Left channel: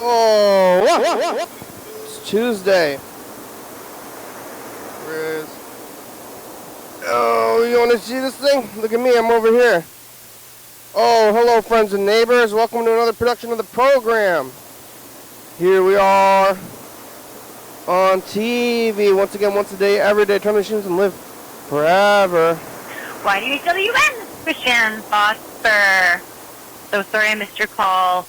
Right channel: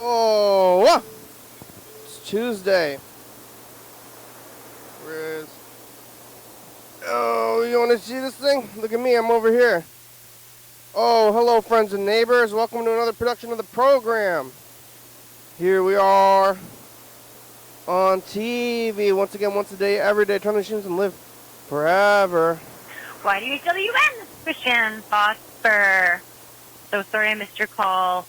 Oh, it's Tuesday. Oh, you want to see this thing? Look at me, I'm over here. Oh, hello, friends and neighbors. Welcome to another production of the program. Here we are on TV once again, once a day, every day. Turn the machines and live forever. YDHWM, Christian Foster. So sorry I missed your call.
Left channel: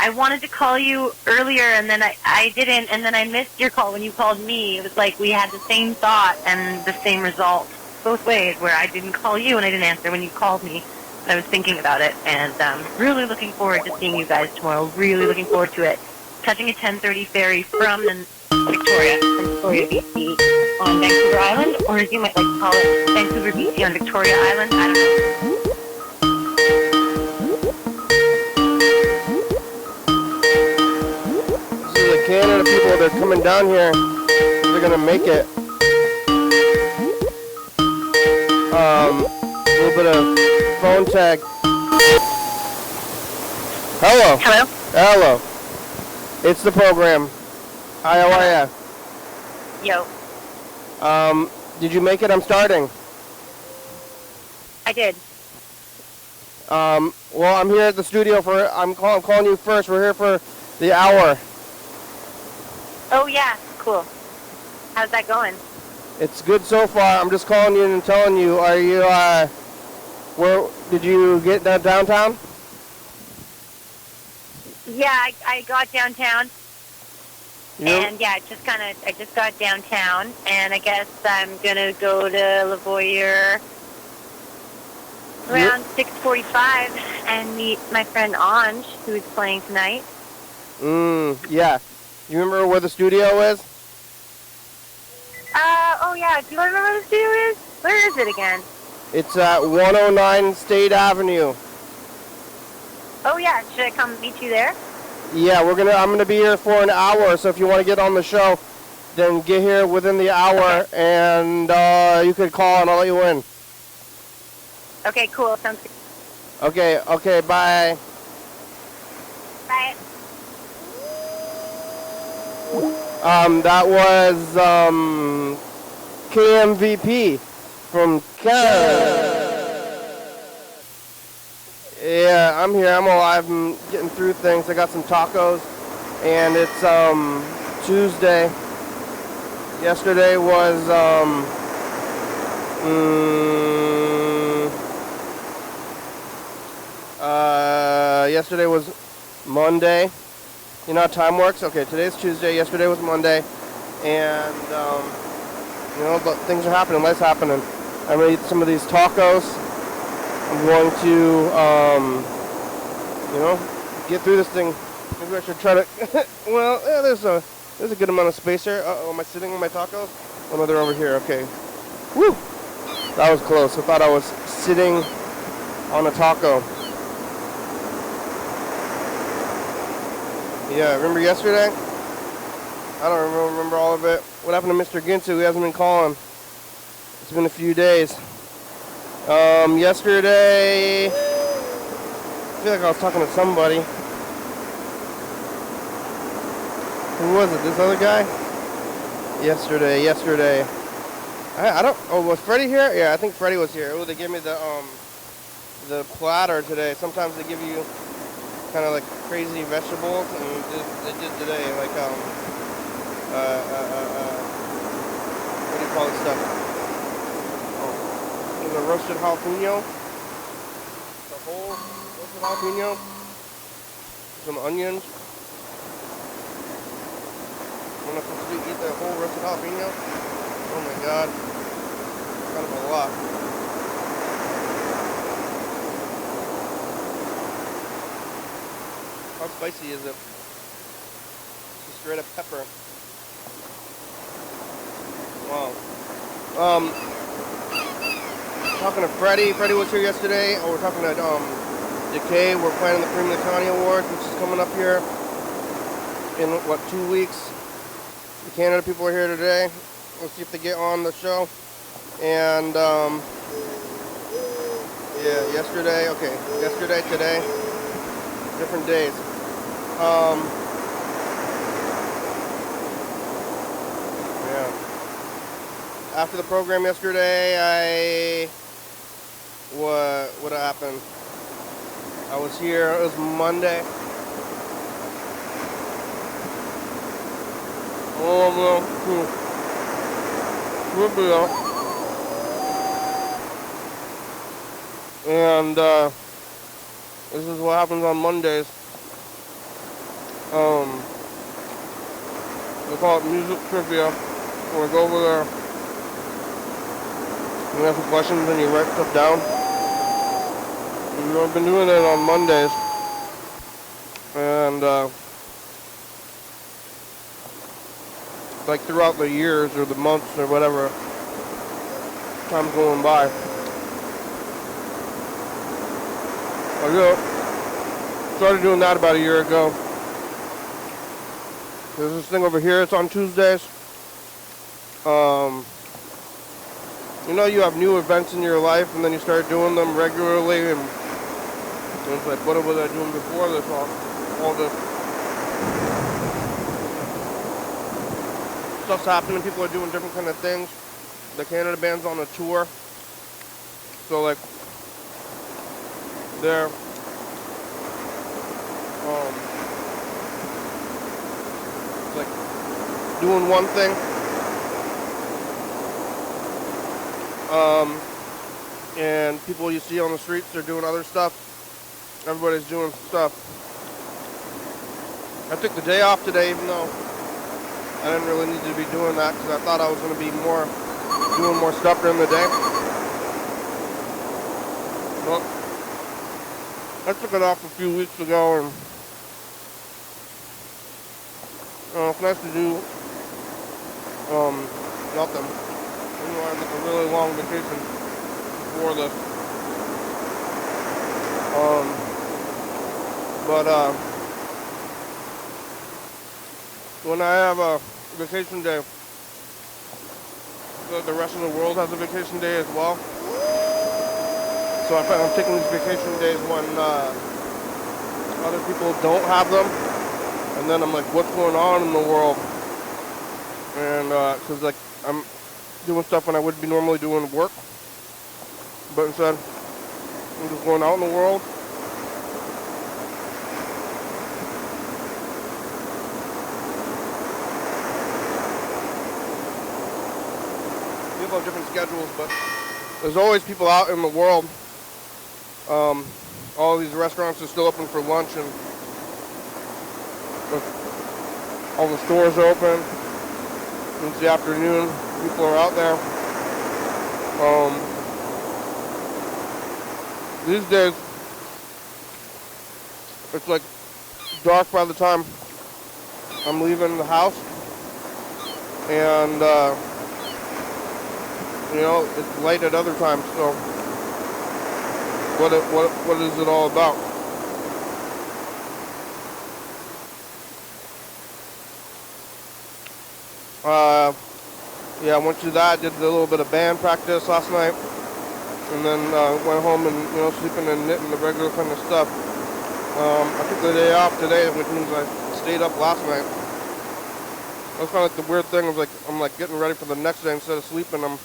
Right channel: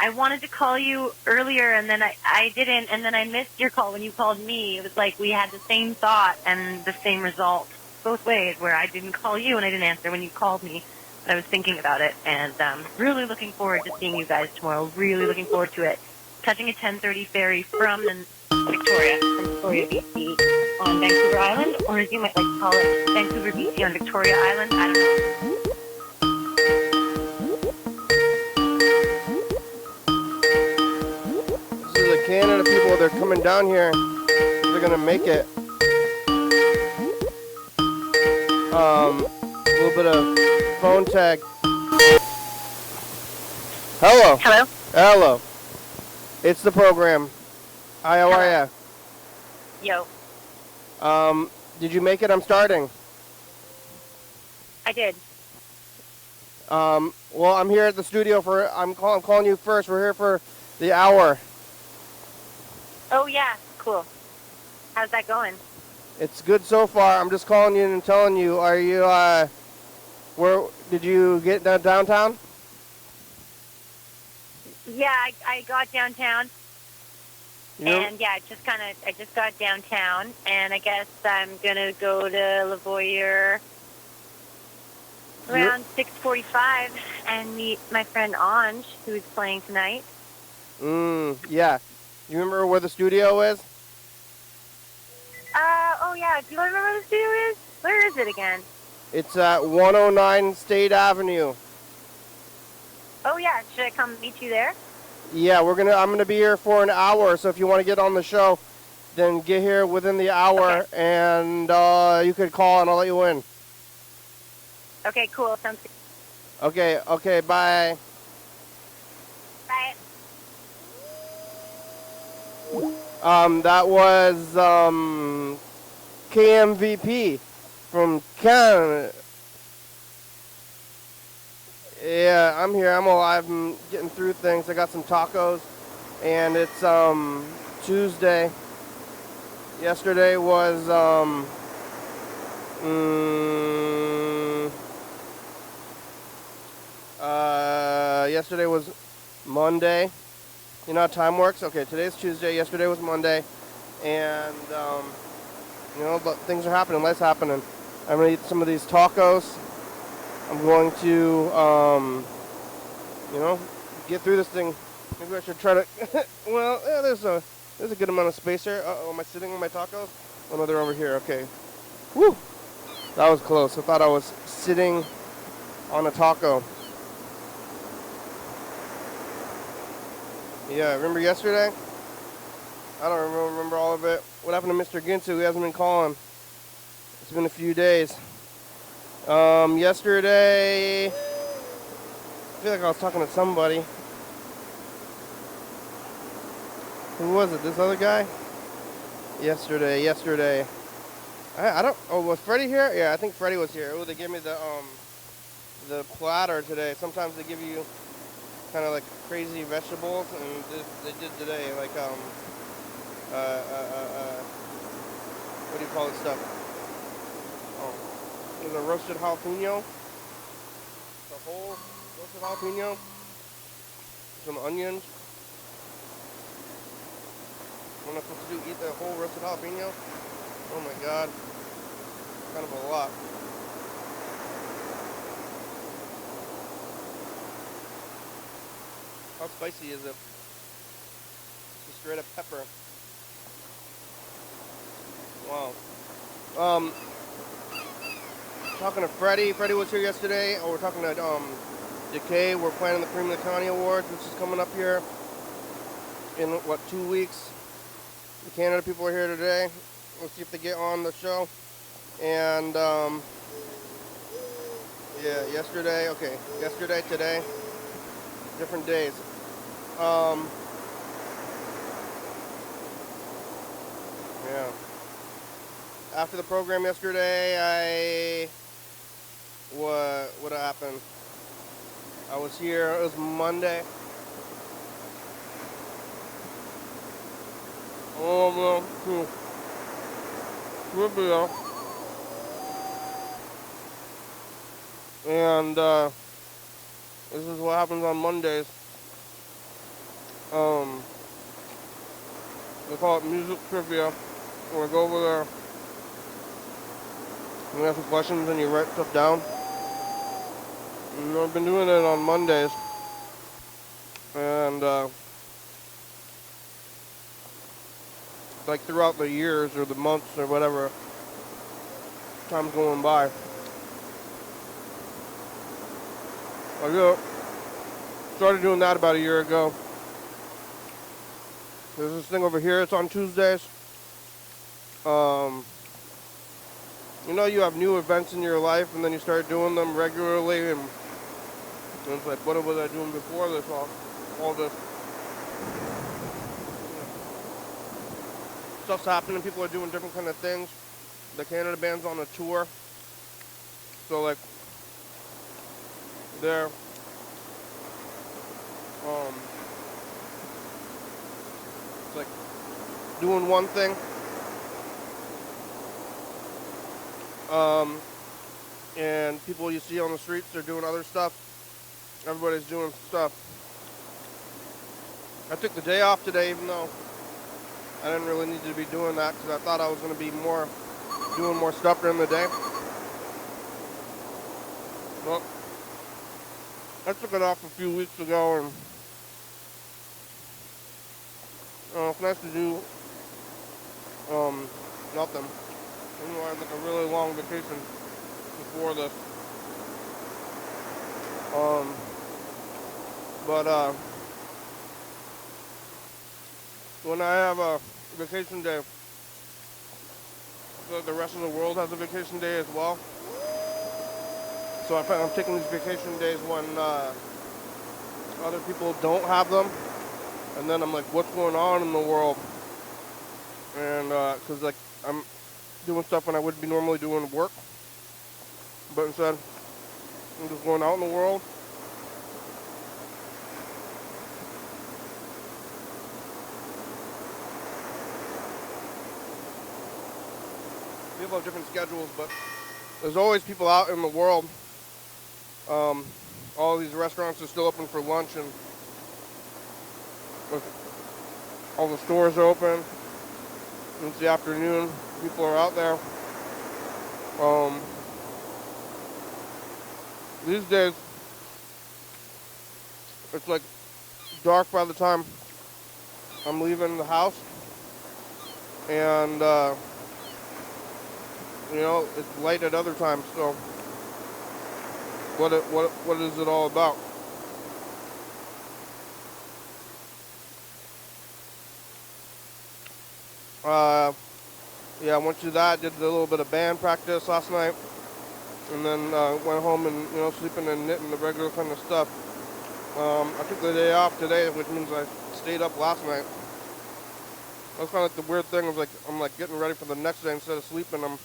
I wanted to call you earlier, and then I didn't, and then I missed your call when you called me. It was like we had the same thought and the same result both ways, where I didn't call you and I didn't answer when you called me. I was thinking about it, and really looking forward to seeing you guys tomorrow. Really looking forward to it. Catching a 10:30 ferry from Victoria, BC on Vancouver Island, or as you might like to call it, Vancouver, BC on Victoria Island. I don't know. This is the Canada people that are coming down here. They're gonna make it. A little bit of phone tag. Hello. Hello? Hello. It's the program. IOIF. Yo. Did you make it? I'm starting. I did. Well, I'm here at the studio I'm calling you first. We're here for the hour. Oh, yeah. Cool. How's that going? It's good so far. I'm just calling you and telling you, are you, did you get that downtown? Yeah, I got downtown. Yep. And yeah, I just got downtown, and I guess I'm gonna go to Lavoyer around 6:45 and meet my friend Ange, who is playing tonight. Yeah. You remember where the studio is? Oh yeah, do you remember where the studio is? Where is it again? It's at 109 State Avenue. Oh yeah, should I come meet you there? Yeah, I'm gonna be here for an hour, so if you want to get on the show, then get here within the hour, and you could call and I'll let you in. Okay, cool. Sounds good. Okay, bye. Bye. That was KMVP from Canada. Yeah, I'm here. I'm alive. I'm getting through things. I got some tacos, and it's Tuesday. Yesterday was yesterday was Monday. You know how time works? Okay, today's Tuesday. Yesterday was Monday, and but things are happening. Life's happening. I'm gonna eat some of these tacos. I'm going to, get through this thing. Maybe I should try to. Well, yeah, there's a good amount of space here. Am I sitting on my tacos? Oh no, they're over here. Okay. Woo! That was close. I thought I was sitting on a taco. Yeah, remember yesterday? I don't remember all of it. What happened to Mr. Ginsu? He hasn't been calling. It's been a few days. Yesterday, I feel like I was talking to somebody. Who was it? This other guy? Yesterday. I don't, was Freddie here? Yeah, I think Freddie was here. Oh, they gave me the platter today. Sometimes they give you kind of like crazy vegetables, and they did today, like, what do you call this stuff? The roasted jalapeno, the whole roasted jalapeno, some onions. I'm not supposed to eat the whole roasted jalapeno. Oh my god, kind of a lot. How spicy is it? Just straight up pepper. Wow. Talking to Freddie. Freddie was here yesterday. Oh, we're talking to Decay. We're planning the Premium County Awards, which is coming up here in, 2 weeks. The Canada people are here today. We'll see if they get on the show. And, yesterday, today. Different days. after the program yesterday, what happened? I was here, it was Monday. And this is what happens on Mondays. They call it music trivia. We'll go over there. You ask some questions and you write stuff down. I've been doing it on Mondays. And like throughout the years or the months or whatever, time's going by. I started doing that about a year ago. There's this thing over here, it's on Tuesdays. You know, you have new events in your life and then you start doing them regularly, and it's like, what was I doing before this? All this stuff's happening, people are doing different kind of things. The Canada band's on a tour. So like, they're like doing one thing. And people you see on the streets, they're doing other stuff. Everybody's doing stuff. I took the day off today, even though I didn't really need to be doing that, because I thought I was going to be doing more stuff during the day. Well, I took it off a few weeks ago, and it's nice to do nothing. You know, I took a really long vacation before this. But when I have a vacation day, the rest of the world has a vacation day as well. So I find I'm taking these vacation days when other people don't have them, and then I'm like, what's going on in the world? And because like I'm doing stuff when I would be normally doing work, but instead I'm just going out in the world. People have different schedules, but there's always people out in the world. All these restaurants are still open for lunch, and all the stores are open. It's the afternoon, people are out there. These days, it's like dark by the time I'm leaving the house, and you know, it's light at other times. So, what is it all about? Yeah, I went to that, did a little bit of band practice last night, and then went home and, you know, sleeping and knitting, the regular kind of stuff. I took the day off today, which means I stayed up last night. That's kind of like the weird thing of like, I'm like getting ready for the next day. Instead of sleeping, I'm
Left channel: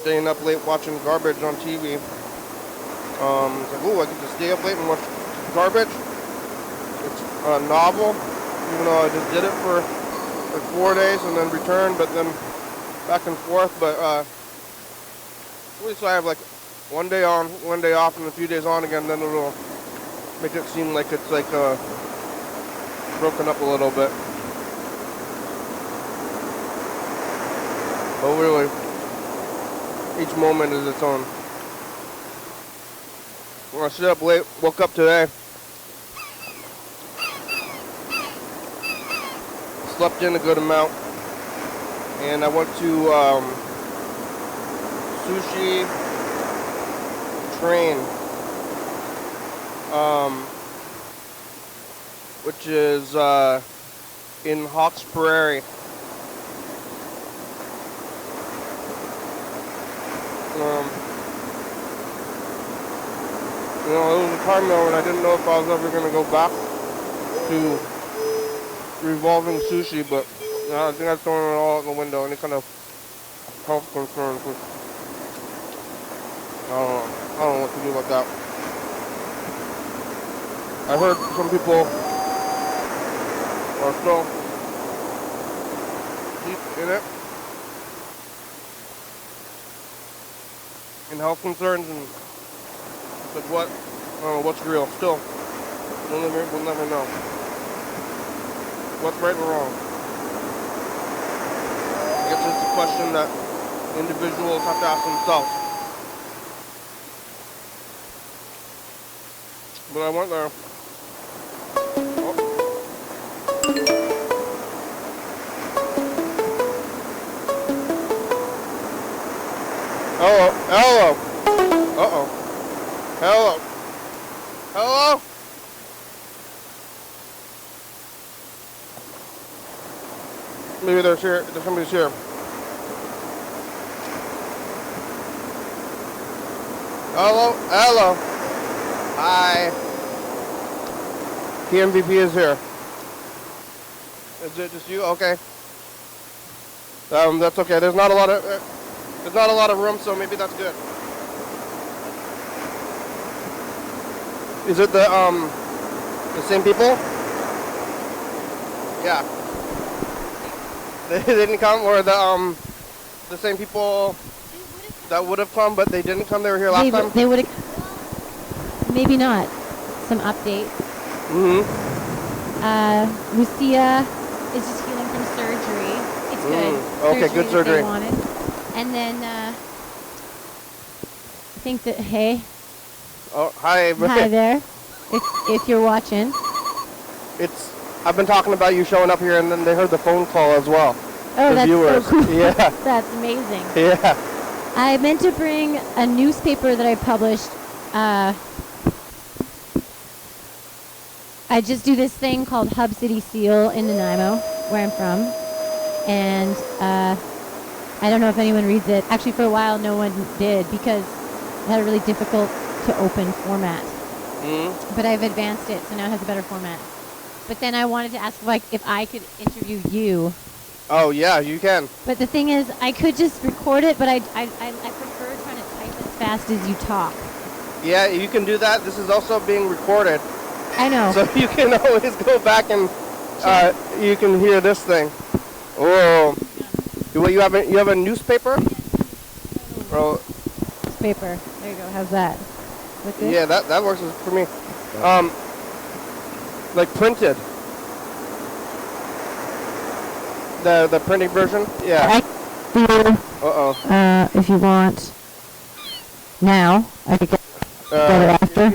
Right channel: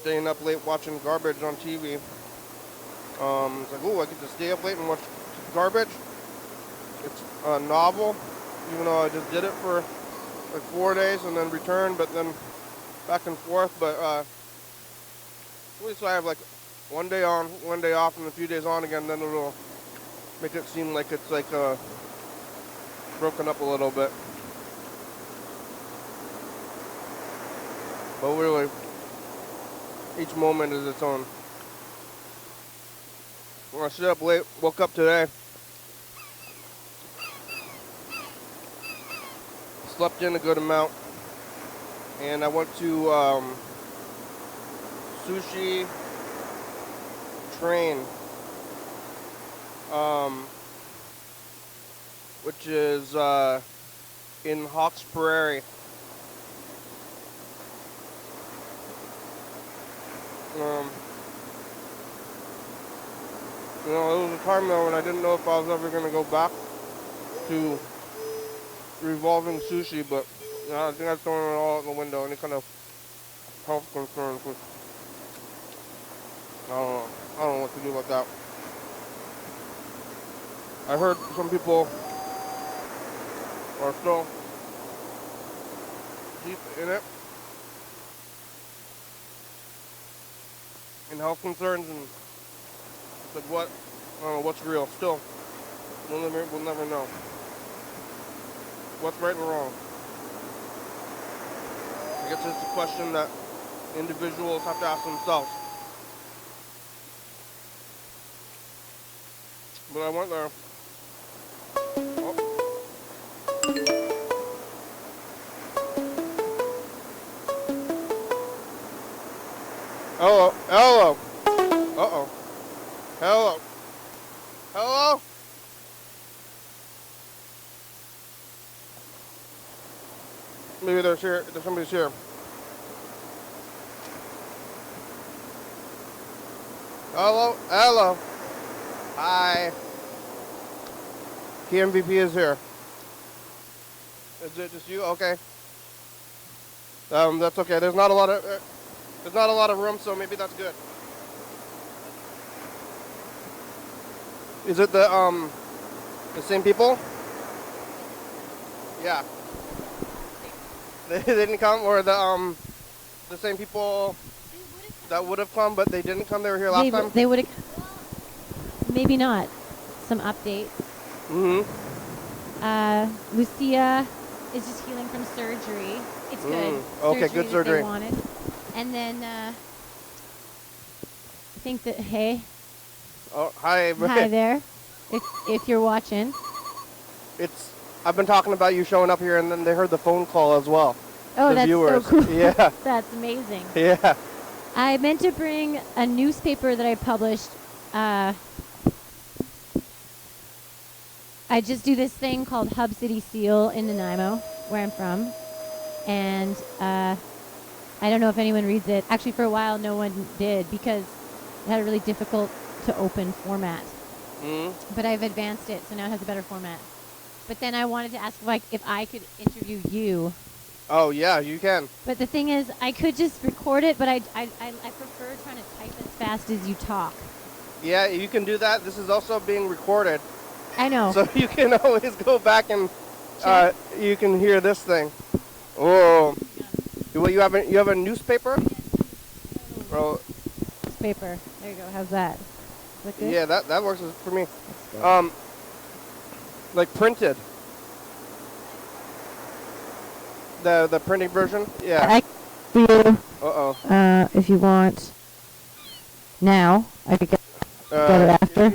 staying up late watching garbage on TV. It's like, ooh, I get to stay up late and watch garbage. It's a novel, even though I just did it for like 4 days and then returned, but then back and forth. But at least I have like one day on, one day off, and a few days on again. Then it'll make it seem like it's like broken up a little bit. But really, each moment is its own. When I stayed up late, woke up today, slept in a good amount, and I went to Sushi Train, which is in Hawks Prairie. You know, there was a time though when I didn't know if I was ever going to go back to revolving sushi, but I think I've thrown it all out the window. Any kind of health concerns, which I don't know what to do about that. I heard some people are still deep in it, in health concerns, and it's like, what? I don't know what's real. Still, we'll never know what's right or wrong. I guess it's a question that individuals have to ask themselves. But I went there. Oh. Hello. Uh-oh. Hello. Hello? Maybe there's somebody's here. Hello. Hi. KMVP is here. Is it just you? Okay. That's okay. There's not a lot of room, so maybe that's good. Is it the same people? Yeah. They didn't come, or the same people that would have come, but they didn't come. They were here last time. They would have. Maybe not. Some updates. Lucia is just healing from surgery. It's good. Okay, good surgery. They wanted. And then I think that Oh, hi. hi there. If you're watching. I've been talking about you showing up here, and then they heard the phone call as well. Oh, that's viewers. so cool. Yeah. That's amazing. Yeah. I meant to bring a newspaper that I published. I just do this thing called Hub City Seal in Nanaimo, where I'm from. And I don't know if anyone reads it. Actually, for a while, no one did because it had a really difficult to open format. But I've advanced it, so now it has a better format. But then I wanted to ask if I could interview you. Oh, yeah, you can. But the thing is, I could just record it, but I prefer trying to type as fast as you talk. Yeah, you can do that. This is also being recorded. I know. So you can always go back and you can hear this thing. Oh. You have a newspaper? Oh. Newspaper. There you go. How's that? With this? Yeah, that works for me. Like printed. The printing version? Yeah. Uh-oh. If you want now, I could get it after.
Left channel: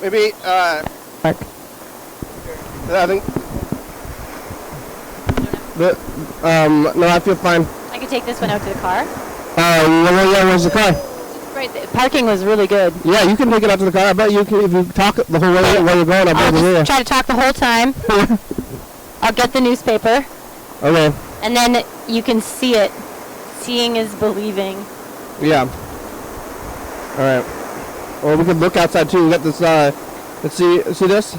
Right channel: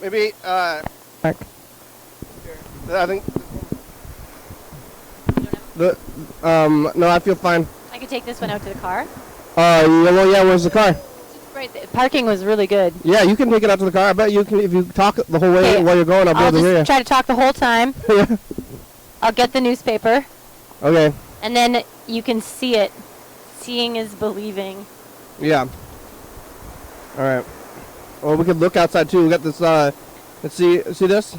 Maybe Mark. I think no, I feel fine. I could take this one out to the car. Yeah, where's the car? Right, the parking was really good. Yeah, you can take it out to the car. I bet you can, if you talk the whole way while you're going, I'll just try to talk the whole time. I'll get the newspaper. Okay. And then you can see it. Seeing is believing. Yeah. All right. Well, we could look outside too. We got this. Let's see this.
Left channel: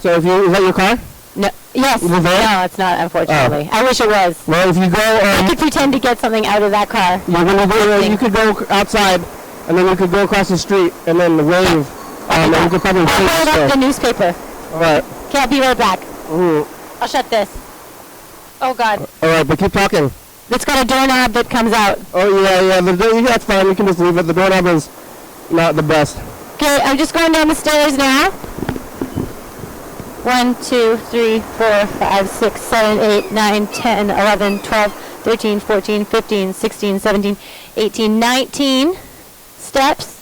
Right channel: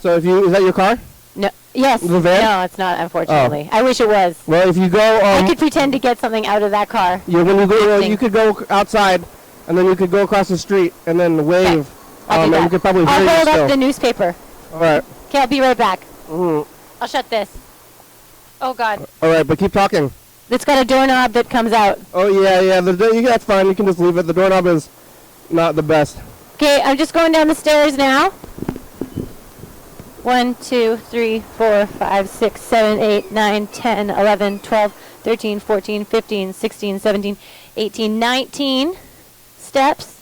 So is that your car? No. Yes. The van? No, it's not. Unfortunately, I wish it was. Well, if you go, I could pretend to get something out of that car. Yeah, when you go, you could go outside, and then you could go across the street, and then wave. And you could probably. I'll hold up the newspaper. All right. Okay, I'll be right back. Mm-hmm. I'll shut this. Oh God. All right, but keep talking. It's got a doorknob that comes out. Oh yeah. That's fine. You can just leave it. The doorknob is not the best. Okay, I'm just going down the stairs now. 1, 2, 3, 4, 5, 6, 7, 8, 9, 10, 11, 12, 13, 14, 15, 16, 17, 18, 19 steps.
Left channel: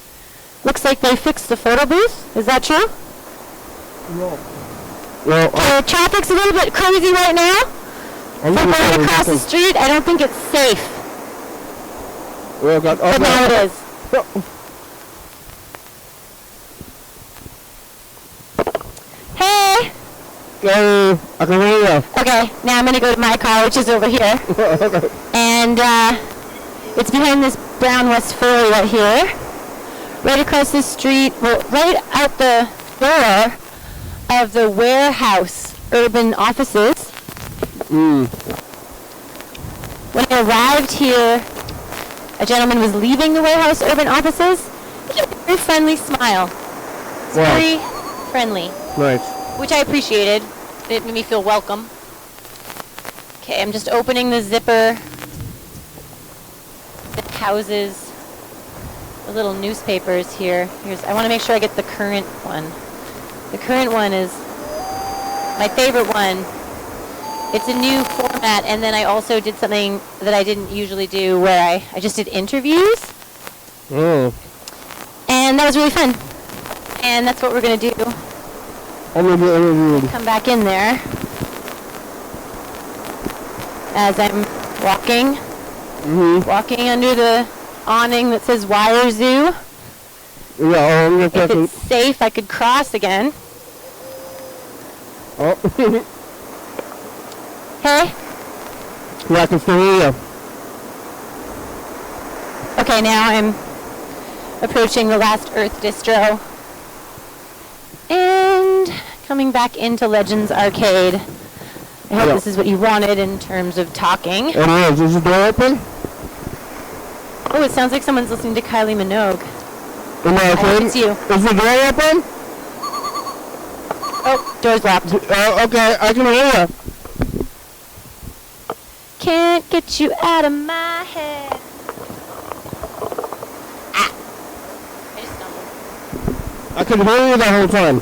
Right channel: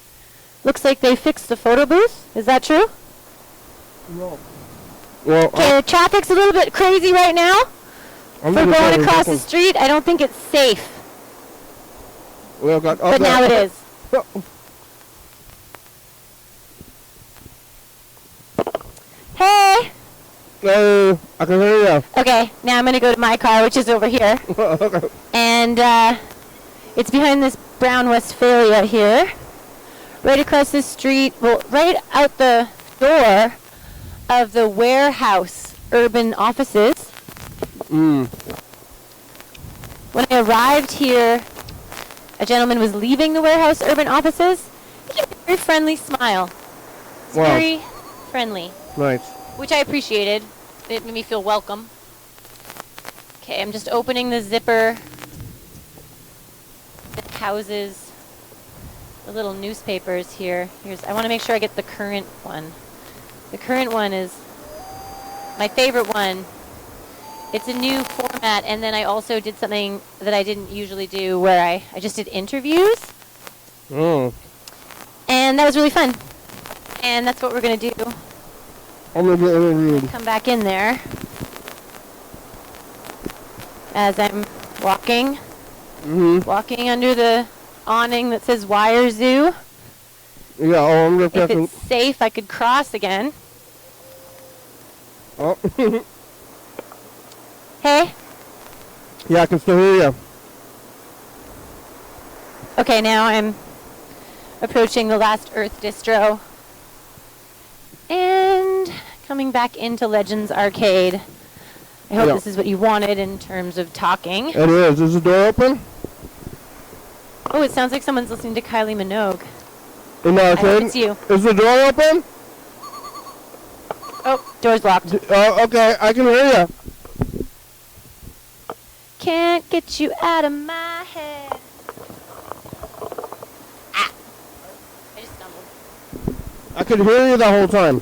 Looks like they fixed the photo booth. Is that true? No. Okay, traffic's a little bit crazy right now. For going across the street, I don't think it's safe. Well, God, but now it is. Hey! I can hear you. Okay, now I'm going to go to my car, which is over here. And it's behind this brown West Ferry right here. Right across the street, well, right out the door of the warehouse urban offices. When I arrived here a gentleman was leaving the warehouse urban offices. He had a very friendly smile. It's Wow. very friendly, Nice. which I appreciated. It made me feel welcome. Okay, I'm just opening the zipper that houses the little newspapers here. I want to make sure I get the current one. The current one is my favorite one. It's a new format, and then I also did something that I didn't usually do where I just did interviews. Oh. And that was really fun. And that's what we're going to do. I'm gonna be interviewed. Come back in there as I'm walking. Walking under the awning that says Wire Zoo. Yeah, I'm If gonna it's safe, I could cross again. Oh. Hey? Yeah, I can still hear you. Okay, now I'm approaching the Last Earth distro. And coming back into Legends Arcade. I hope Yeah. this is what you wanted in terms of talking. It is. Is the door open? Oh, it sounds like someone's listening to Kylie Minogue. Am I I hope open? it's you. Is the door open? Oh, door's locked. Okay, I can hear you. Can't get you out of my head. Ah. I just stumbled. I could hear you the whole time.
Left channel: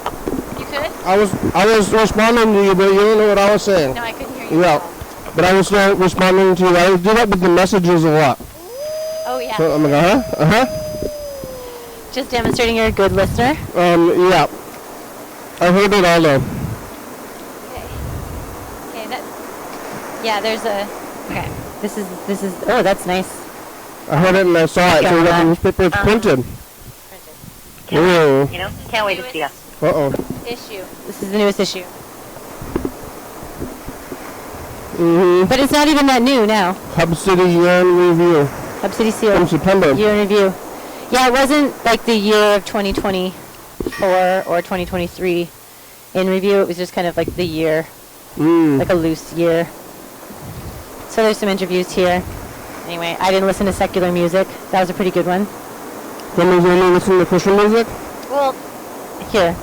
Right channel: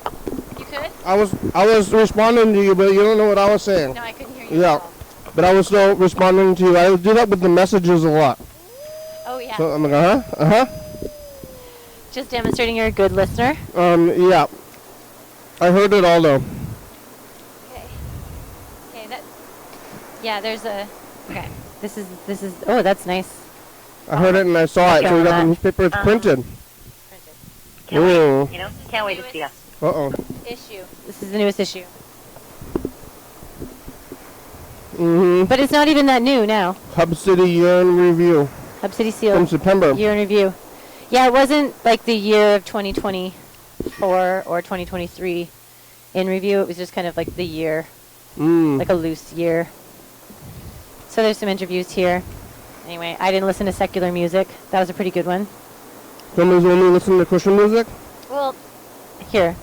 You could? I was responding to you, but you don't know what I was saying. No, I couldn't hear you. Yeah. at all. But I was still responding to you. I do that with the messages a lot. Oh, yeah. So I'm like, uh-huh. Just demonstrating you're a good listener. Yeah. I heard it all though. Okay, yeah, there's a, okay, this is, oh, that's nice. I heard it and I saw it. So we got the newspaper printed. Ew. You know, can't wait to see us. Uh-oh. Issue. This is the newest issue. Mm-hmm. But it's not even that new now. Hub City Year in Review. Hub City Seal. From September. Year in review. Yeah, it wasn't like the year of 2024 or 2023 in review. It was just kind of like the year, like a loose year. So there's some interviews here. Anyway, I didn't listen to secular music. That was a pretty good one. Someone's only listening to Christian music? Well, here.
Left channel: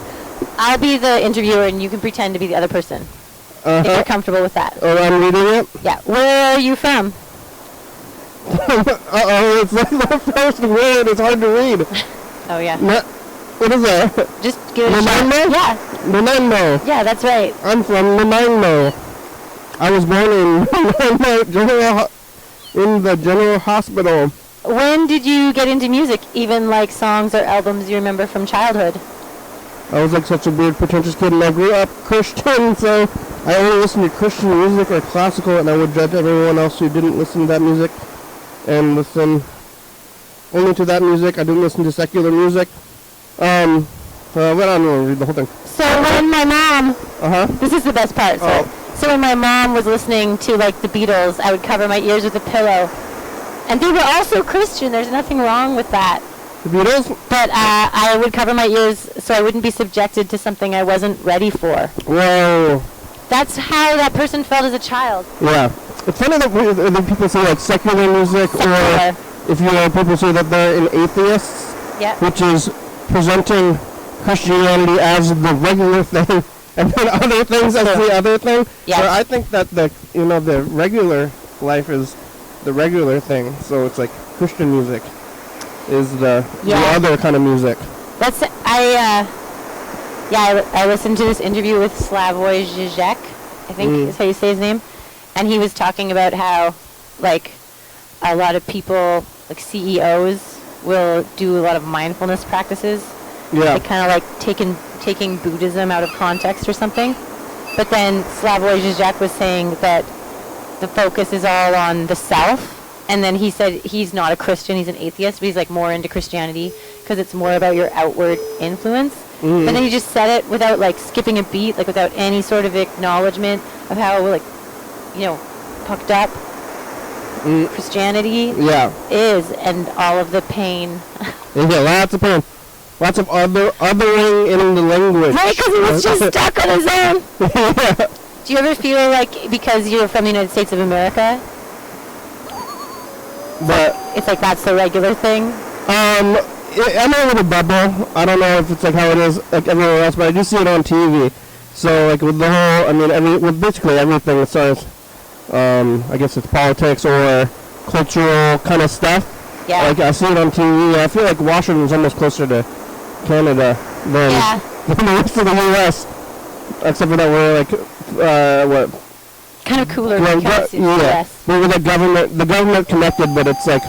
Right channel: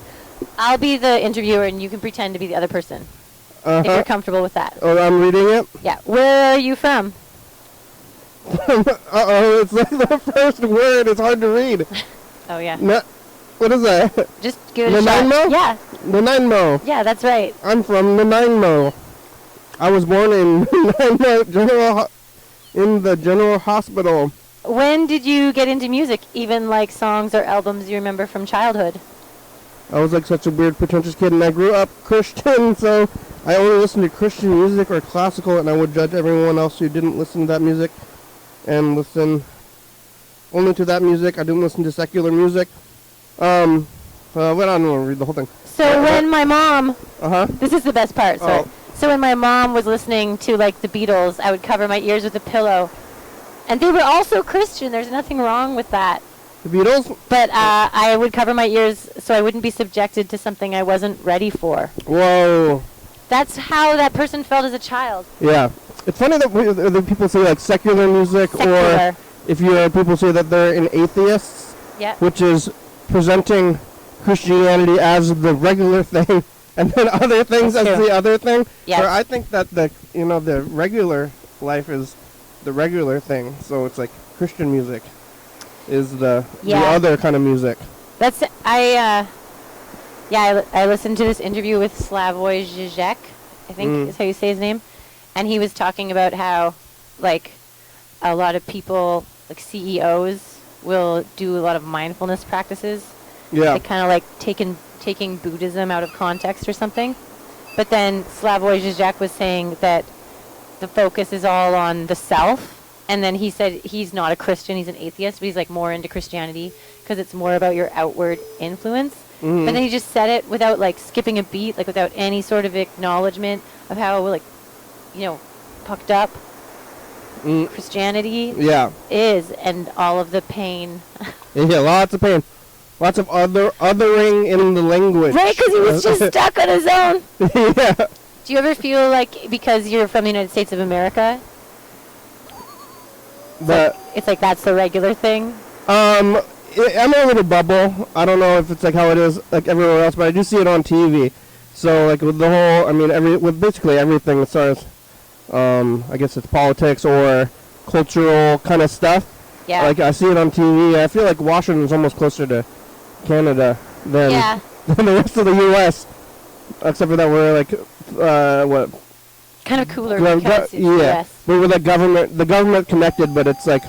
I'll be the interviewer and you can pretend to be the other person. If you're comfortable with that. Oh, I'm reading it? Yeah. Where are you from? Uh-oh, it's like the first word. It's hard to read. Oh, yeah. What is that? Just give it a shot. Nanaimo? Yeah. Nanaimo. Yeah, that's right. I'm from Nanaimo. I was born in Nanaimo in the General Hospital. When did you get into music? Even like songs or albums you remember from childhood? I was like such a weird, pretentious kid, and I grew up Christian, so I only listened to Christian music or classical, and I would judge everyone else who didn't listen to that music and listen only to that music. I didn't listen to secular music. So I went on to read the whole thing. So when my mom, this is the best part. Oh. So when my mom was listening to like the Beatles, I would cover my ears with a pillow, and they were also Christian. There's nothing wrong with that. The Beatles? But I would cover my ears so I wouldn't be subjected to something I wasn't ready for. Whoa. That's how that person felt as a child. Yeah. It's funny that people say like secular music, or if you know, people say that they're an atheists, which is presenting Christianity as the regular thing, and then other things as the other thing. Yeah. So I think that the regular life is the regular thing. So it's like Christian music is the other kind of music. That's I listened to this interview with Slavoj Žižek, I think is how you say his name, and he was talking about how like a lot of people, like CEOs, will do a lot of mindfulness practices. Yeah. Like kind of like taking Buddhism out of context or something. But then Slavoj Žižek was saying that the focus is all on the self. And then he said he's not a Christian, he's an atheist, but he's like more into Christianity because it's more about your outward influence. But then he just said it without like skipping a beat, like without any sort of acknowledgement of how like, fucked up Christianity is, and all of the pain. Yeah, lots of pain. Lots of othering in the language. Right, because he was just stuck on his own. Yeah. Do you ever feel like because you're from the United States of America, it's like that's the regular thing? I'm in a bubble. I don't know if it's like how it is like everywhere else, but I do see it on TV. So like with the whole, I mean, with basically everything as far as, I guess it's politics or cultural kind of stuff. Yeah. Like I see it on TV. I feel like Washington's almost closer to Canada than the rest of the U.S. Except for that we're like, kind of cooler because yeah. We're like the government connected, but it's like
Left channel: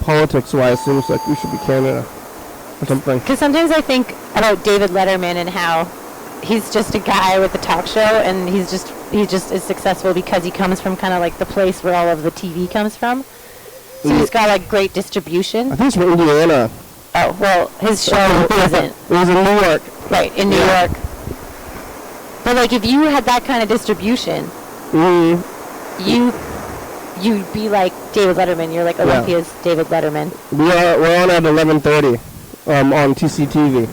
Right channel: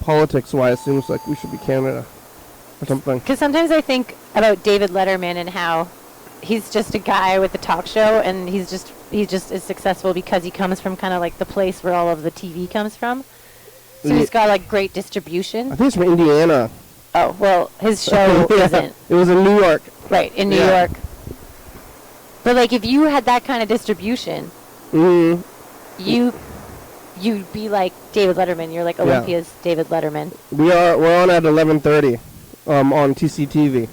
politics-wise, seems like we should be Canada or something. Because sometimes I think about David Letterman and how he's just a guy with a talk show, and he just is successful because he comes from kind of like the place where all of the TV comes from. So he's got like great distribution. I think it's from Indiana. Oh, well, his show isn't. It was in New York. Right, in New York. But like if you had that kind of distribution, you'd be like David Letterman. You're like Olympia's David Letterman. We're on at 11:30 on TCTV.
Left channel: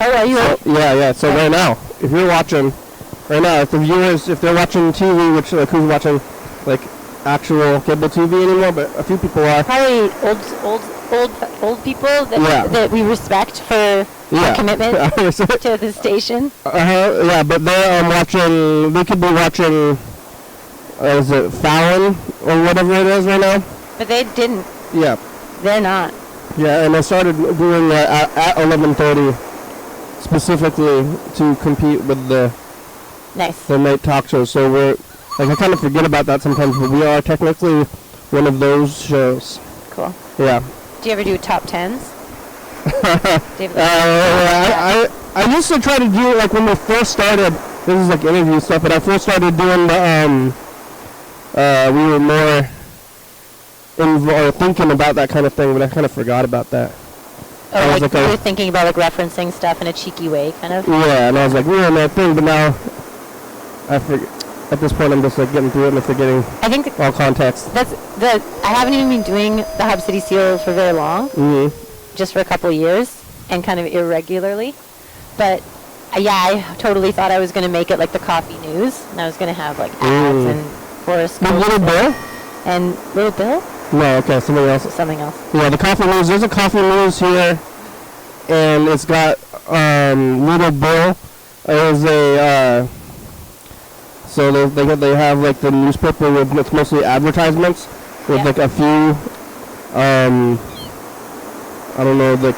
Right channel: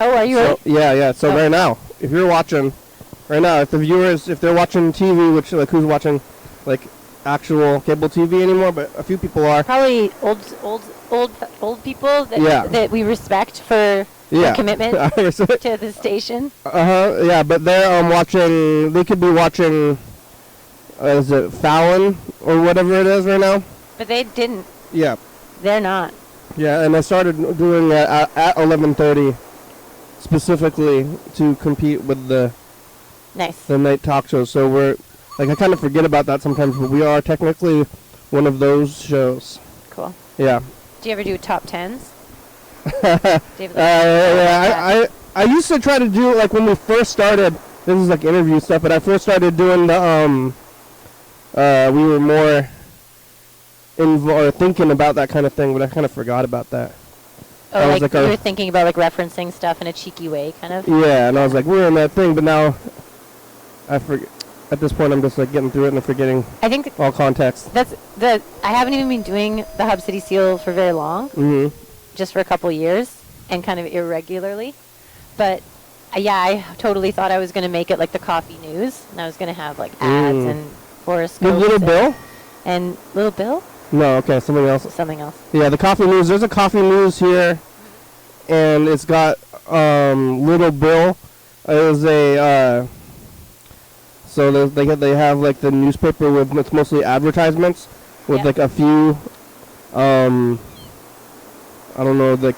Oh, are you? Yeah. So right now, if you're watching, right now, if the viewers, if they're watching TV, which like who's watching, like actual cable TV anymore, but a few people are. Probably old people that we respect for their commitment to the station. Yeah, but they're watching. They could be watching. Is it Fallon or whatever it is right now? But they didn't. Yeah. They're not. Yeah, and I started doing that at 11:30 specifically to compete with the night talk show. So we're like I kind of forget about that sometimes, but we are technically one of those shows. Cool. Yeah. Do you ever do top tens? I used to try to do it like when we first started. This is like interview stuff, but I first started doing the we were more thinking about that kind of thing, but I kind of forgot about that. Oh, like you were thinking about like referencing stuff in a cheeky way, kind of? Yeah, and I was like, we're on that thing, but now I forget. At this point, I'm just like getting through it and forgetting all context. I haven't even been doing the Hub City Seal for very long, just for a couple of years, and kind of irregularly. But yeah, I totally thought I was going to make it like the coffee news, and I was going to have like ads and horoscopes. The Little Bill? And Little Bill? No, okay, something else. Something else. Yeah, the coffee news. There's a coffee news here, and it's got Little Bill. There's a so they have like the newspaper with it's mostly advertisements with like a few I don't know, the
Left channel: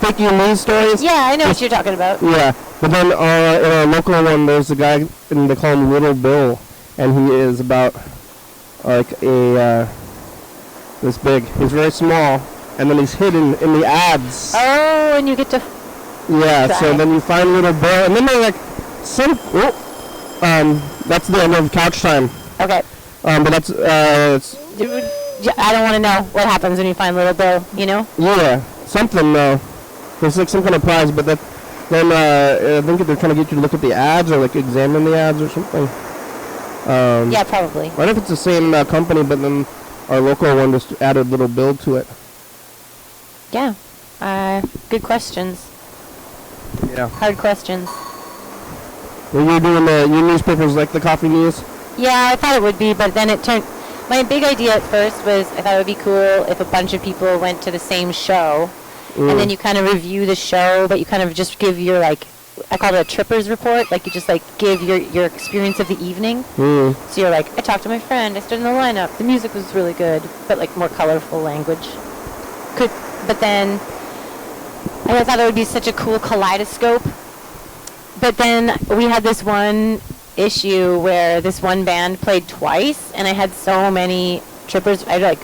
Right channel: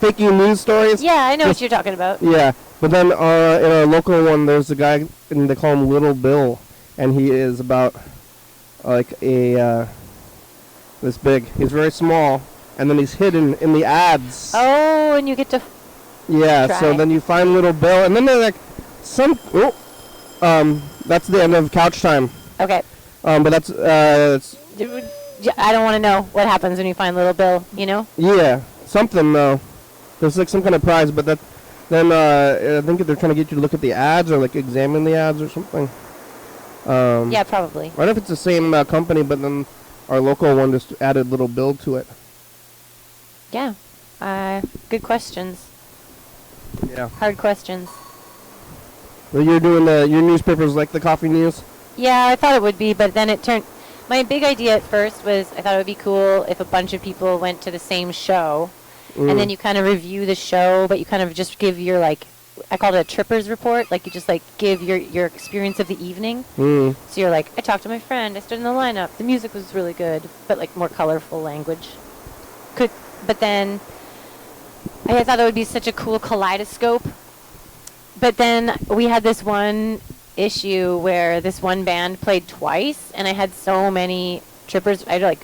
fake news stories. Yeah, I know what you're talking about. Yeah, but then in a local one, there's a guy, and they call him Little Bill, and he is about like this big. He's very small, and then he's hidden in the ads. Oh, and you get to. Yeah, so then you find Little Bill, and then they're like that's the end of couch time. Okay. But that's I don't want to know what happens when you find Little Bill, you know? Yeah, something, there's like some kind of prize, but then I think they're trying to get you to look at the ads or like examine the ads or something. Yeah, probably. I don't know if it's the same company, but then our local one just added Little Bill to it. Yeah, good questions. Yeah. Hard questions. Well, you're doing your newspapers like the coffee news? Yeah, I thought it would be, but then it turned... My big idea at first was I thought it would be cool if a bunch of people went to the same show, and then you kind of review the show, but you kind of just give your, like, I call it a tripper's report, like you just, like, give your experience of the evening. So you're like, I talked to my friend, I stood in the lineup, the music was really good, but, like, more colorful language. But then I thought it would be such a cool kaleidoscope. But then we had this one issue where this one band played twice, and I had so many trippers. I had like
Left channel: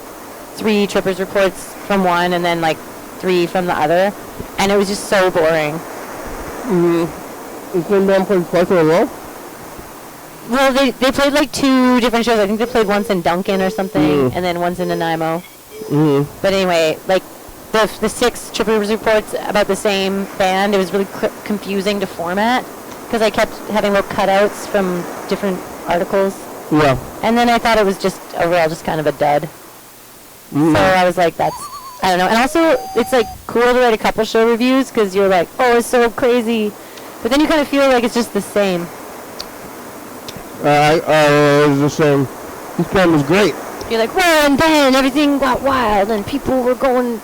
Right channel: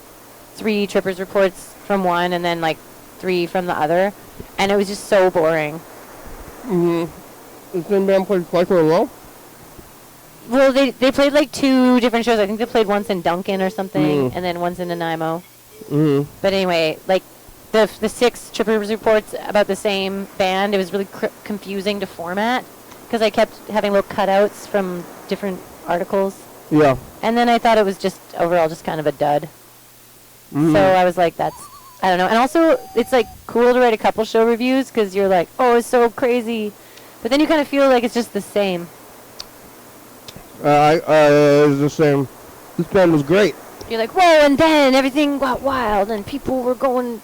3 trippers reports from one, and then like 3 from the other, and it was just so boring. The same band played twice in a row? Well, they played like 2 different shows. I think they played once in Duncan or something, and then once in Nanaimo. But anyway, like the 6 trippers reports about the same band, it was really confusing to format, because I kept having little cutouts from different articles. Yeah. And then I thought it was just overall just kind of a dud. So I was like, I don't know. And also, it's like cool to write a couple show reviews, because you're like, oh, it's so crazy. But then you kind of feel like it's just the same. It was the same. This band was great. You're like, well, and then everything got wild, and people were going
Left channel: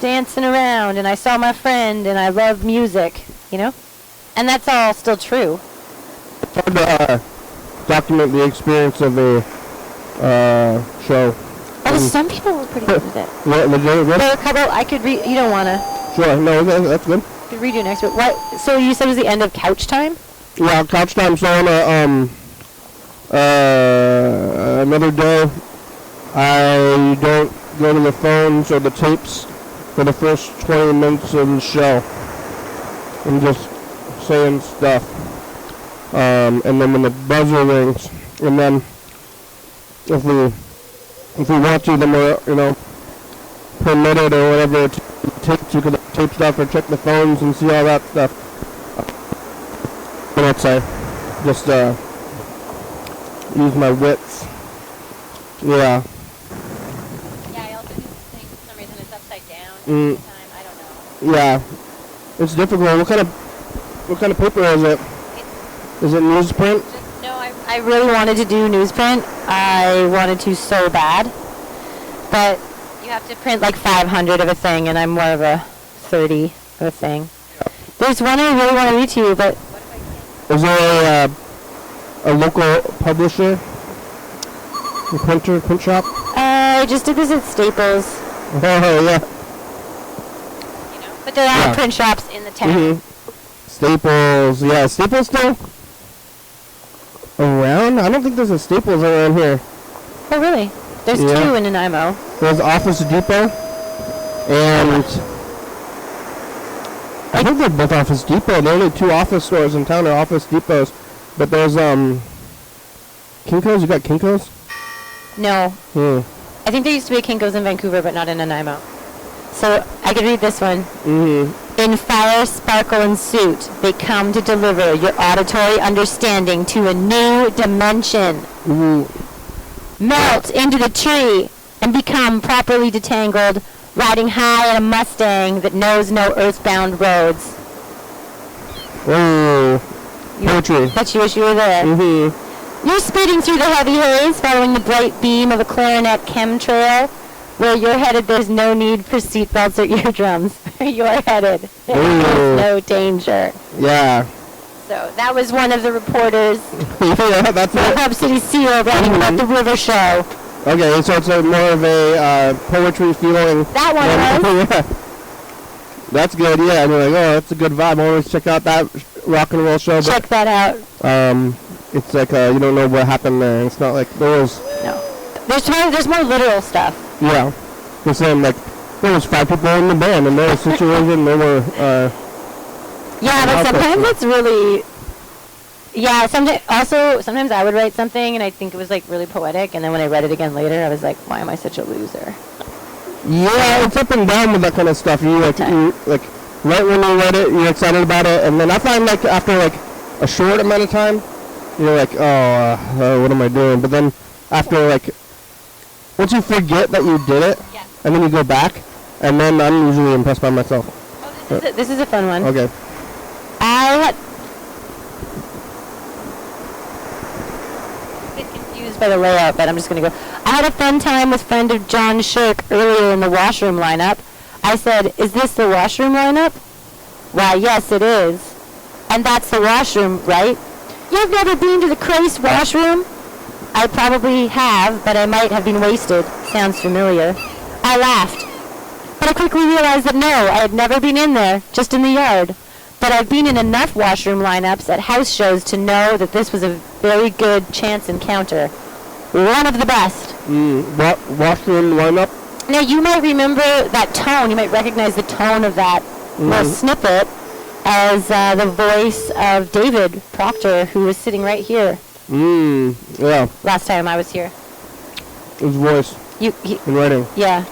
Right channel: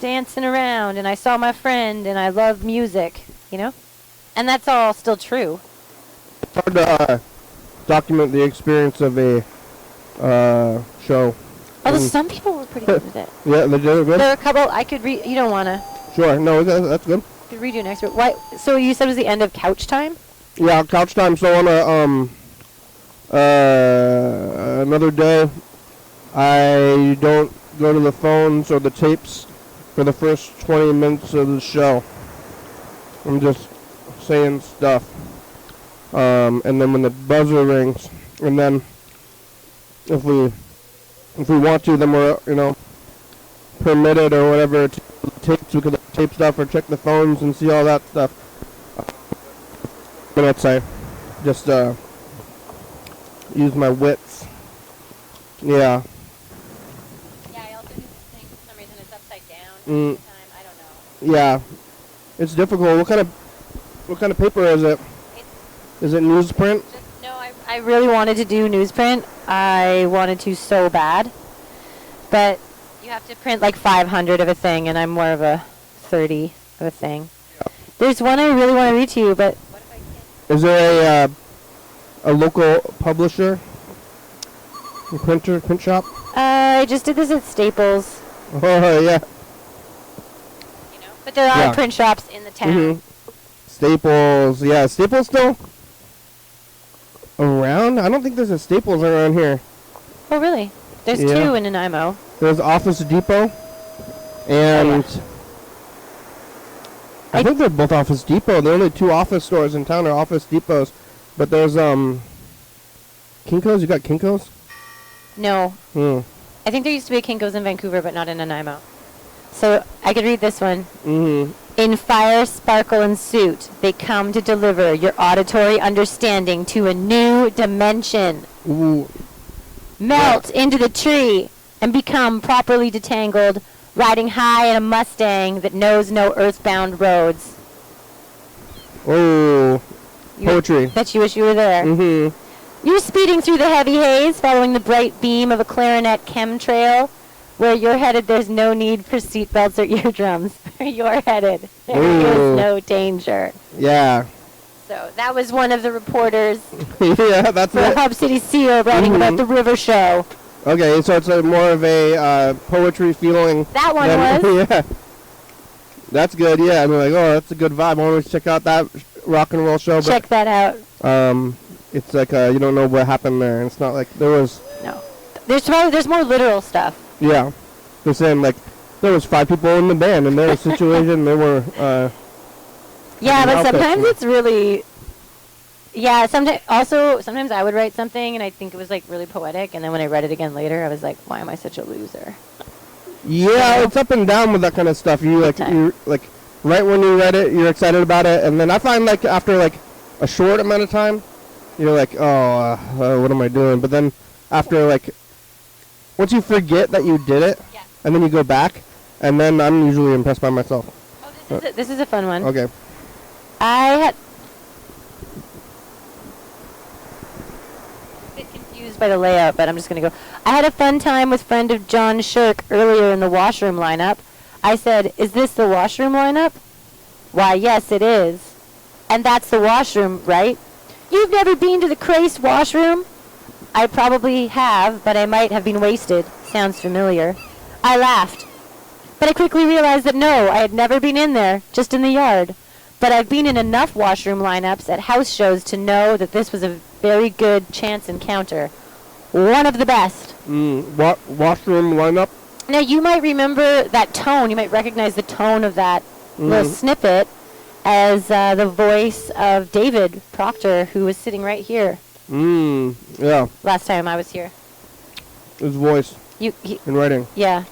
dancing around, and I saw my friend, and I love music, you know? And that's all still true. It's hard to document the experience of the show. Oh, some people were pretty good with it. Yeah, There are a couple, I could read, you don't want to. Sure, no, that's good. I could read you next, but what, so you said it was the end of couch time? Yeah, couch time, so on another day, I don't go to the phone, so the tapes for the first 20 minutes of the show. I'm just saying stuff. And then when the buzzer rings, and then if we want to, then we're, permitted or whatever to tape stuff or check the phones and see all that stuff. But it's just use my wits. Yeah. Yeah, I also do the thing for some reason it's upside down every time. I don't know. Yeah. It's difficult. What kind of paper is it? Is it newsprint? No, I really wanted to do newsprint. I wanted to so bad. But you have to print like 500 of a thing, and I'm more of a 30 of a thing. There's one I really want to read to you, but... Is there a local publisher? A print shop? I just did this at Staples. Oh, yeah. But there are print shops in the town. Staples, yeah. Staples still around? I don't think there's a Staples around here. Oh, really? There's two in Nanaimo. There's Office Depot, and I think they're both Office Depot. The only two office stores in town are Office Depots. But there's Kinko's. You got Kinko's? No. I think there used to be a Kinko's in Vancouver, but not in Nanaimo. So I could read this one. In fire, sparkle, and suit, they come to deliver your auditory understanding to a new dimension. Melt into the tree and become properly detangled, riding high in a Mustang that knows no earthbound roads. Whoa. Poetry. Bet you wish you were there. You're speeding through the heavy haze, following the bright beam of a clarinet chemtrail. Where you're headed, there's no need for seatbelts or eardrums. You're headed. There's no danger. Yeah. So that was one of the reporters. That's the Hub City Seal writing about the river show. Okay, so it's more of a poetry feeling. That one was. Yeah. That's good, yeah. I'm like, oh, that's a good vibe. I always check out that rock and roll show. Check that out. It's like you don't know what happened there. It's not like there was... No. There's more literal stuff. Yeah. The same, like, there was 5 people in the band, and they were situated, they were... yeah, but sometimes it's really... Yeah, sometimes I would write something, and I think it was, like, really poetic, and then when I read it again later, I was like, why am I such a loser? Yeah, it's up and down with that kind of stuff. You right when you read it, you're excited about it, and then I find, like, after, like, a short amount of time, you're like, oh, what am I doing? But then after, like, once you forget that you did it, and then you go back, and then I'm usually impressed by myself. Oh, this is a fun one. Okay. I had... a bit confused by the layout, but I'm just going to go. I had a fun time with friend of John Shirk earlier in the washroom lineup. I said, is this the washroom lineup? Why, yes, it is. And that's the washroom, right? You've never been to the Crace washroom? I probably have, but I might have been wasted. Sounds familiar. I laughed. But I quickly realized that no, I had never been in there, just in the yard. But I've been in enough washroom lineups at house shows to know that this was a very good chance encounter. One of the best. Washroom lineup? Now, you might remember that tone. You might recognize the tone of that little snippet as the voice of David Proctor, who was sitting right here. Yeah. Last time I was here. His voice. In writing. Yeah.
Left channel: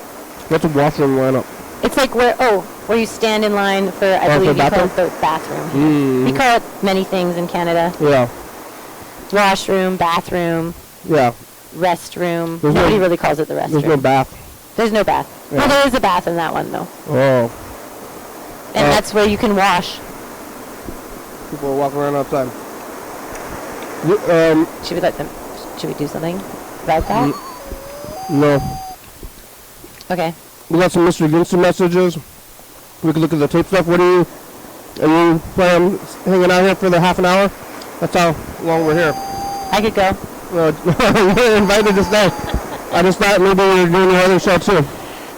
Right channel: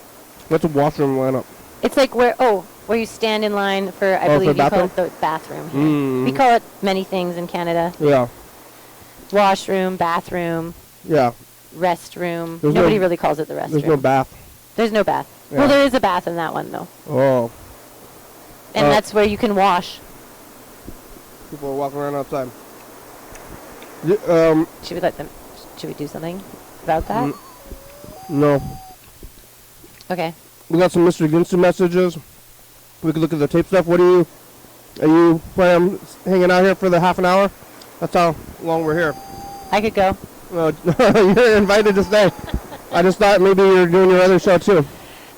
What's a washroom lineup? It's like where you stand in line for, I believe you call it the bathroom. We call it many things in Canada. Yeah. Washroom, bathroom. Yeah. Restroom. Nobody really calls it the restroom. There's no bath. There's no bath. Yeah. Well, there is a bath in that one, though. Oh. And that's where you can wash. People are walking around outside. Should we do something about that? No. Okay. We got some Mr. Ginsu messages. We can look at the tape stuff. Are you planning on hanging out here for the half an hour? That's how long we're here. I could go. You're invited to stay. I just thought maybe we were doing the other show too.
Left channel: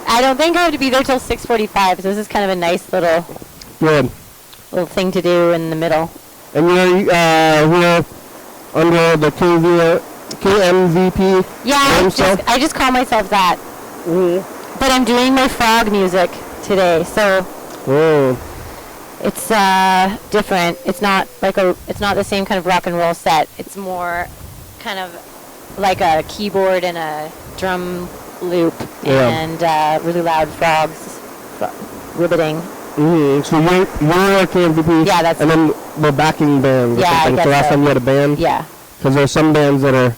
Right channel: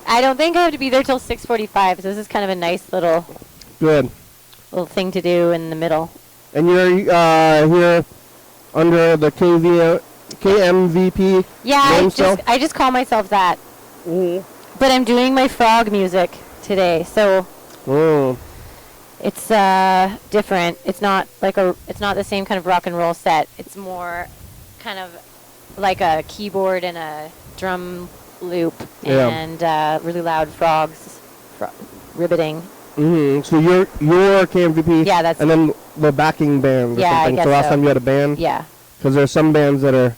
I don't think I have to be there till 6:45, so this is kind of a nice little thing to do in the middle. And you're here under the KMVP. Yeah, I just call myself that. Mm-hmm. But I'm doing my frog music today, so it's different. It's not the same kind of rock and roll set. It's more kind of like a keyboard and a drum loop and really loud frogs ribbiting. Mm-hmm. So you're KMVP. Yeah, that's. And then the backing band. Yeah, I guess the last time you had a band. Yeah. Because there's some bands that are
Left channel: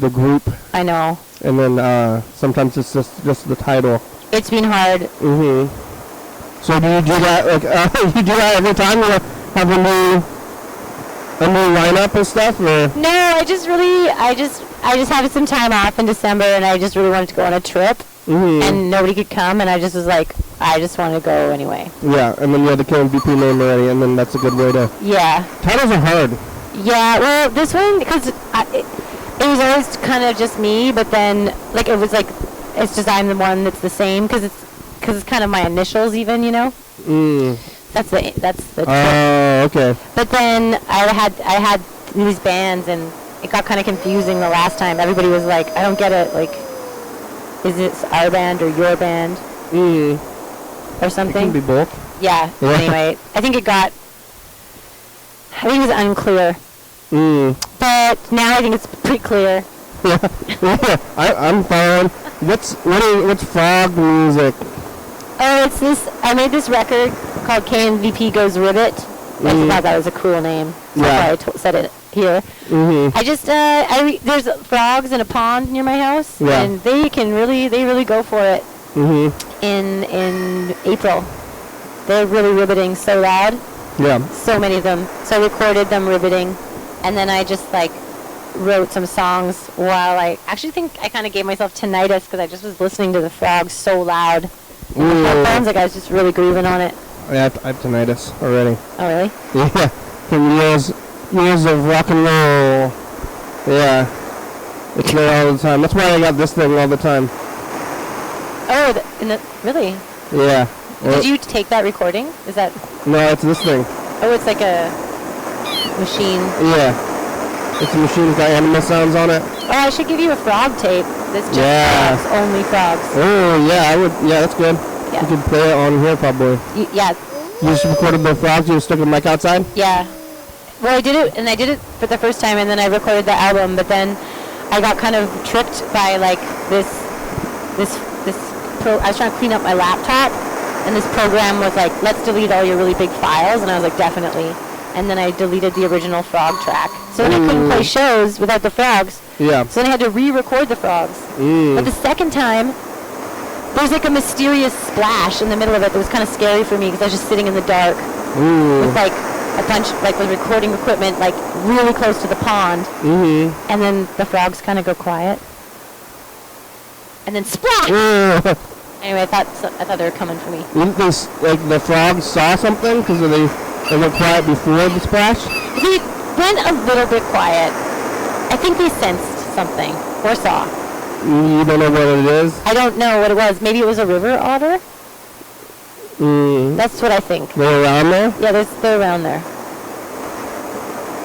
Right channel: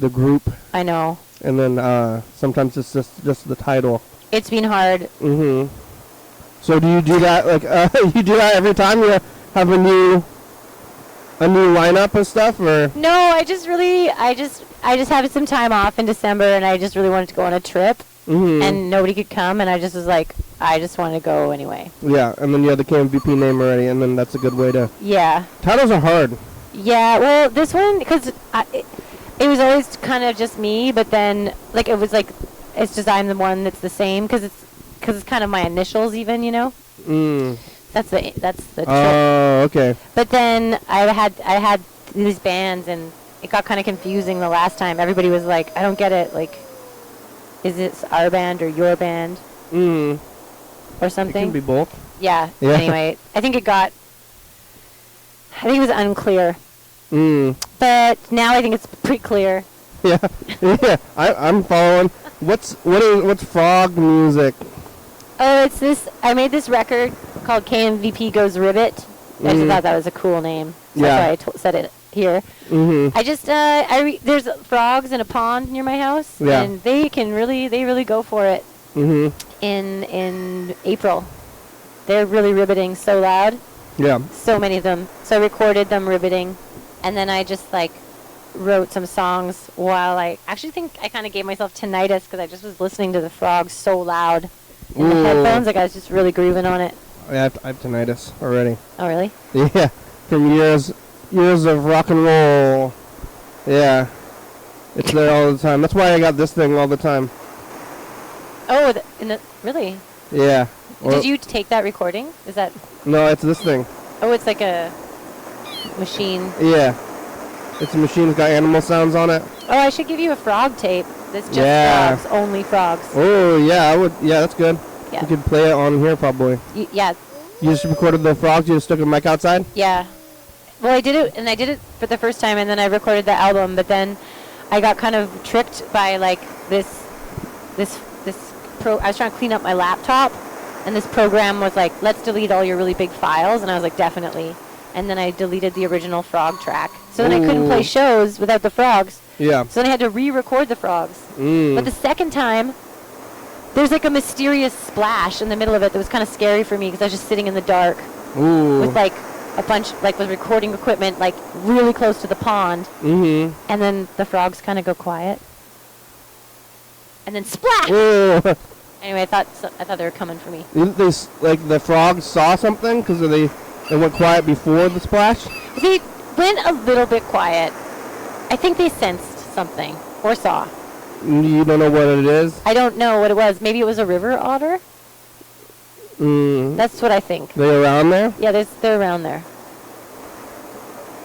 the group. I know. And then sometimes it's just the title. It's been hard. Mm-hmm. So do you do that you do that every time you have a new lineup and stuff, or? No, I just had some time off in December, and I just really wanted to go on a trip, and nobody could come, and I just was like, I just wanted to go anyway. Yeah, and then you had the KMVP name already, and then that's a good way to. Yeah. Titles are hard. Yeah, well, this one because it was always kind of just me, but then like it was like it's just I'm the one that's the same because it's kind of my initials even, you know. That's the trick. Okay. But then I had these bands, and it got kind of confusing the last time. Everybody was like, I don't get it. Like, is it our band or your band? Or something? It can be both. Yeah. Anyway, I think it was unclear. But now I think it's pretty clear. Yeah. I'm following. What's frog music? Oh, it's this. I made this record called KMVP Goes Ribbit. I thought that was a cool name. So that's why I said it here. I just there's frogs in a pond near my house, and they really go for it. In April, they're really ribbiting so loud. Yeah. So many of them. So I recorded them ribbiting, and then I just like wrote some songs while I actually think I kind of gave myself tinnitus because I just was listening to the frogs so loud in the headphones. Like I was just really grooving on it. Yeah, I have tinnitus already. Oh really? Yeah, from years of rock and roll. Yeah, it's me all the time. That's why I got this thing all the time. Oh, really? Yeah. Did you take that recording? Is that? No, it's this thing. Oh, it's like a machine. Yeah. It's a machine with got animal sounds on it. Oh, I should give you a frog tape. That's just frogs, only frogs. Oh, yeah, I would. Yeah, that's good. Yeah. You could play it on here probably. Yeah. You just recorded the frogs. You just stuck a mic outside. Yeah. Well, I did it for the first time, and then I recorded the album. But then I got kind of tricked by like this. I was trying to clean up my laptop, and this program was like, "Let's delete all your really big files," and I was like, "Definitely." And then I deleted the original frog track. So then I couldn't play shows without the frogs. Yeah. So then I had to re-record the frogs. But the second time, there's like a mysterious splash in the middle of it that was kind of scary for me because I was just sitting in the dark with like a bunch, like with recording equipment, like really close to the pond. And then the frogs kind of go quiet. And then splash! Anyway, I thought they were coming for me. Like the frogs saw something because they went quiet before the splash? They went a little bit quiet. I think they sensed something or saw. You don't know what it is? I don't know what it was. Maybe it was a river otter? That's what I think. They're around there? Yeah, they're around there.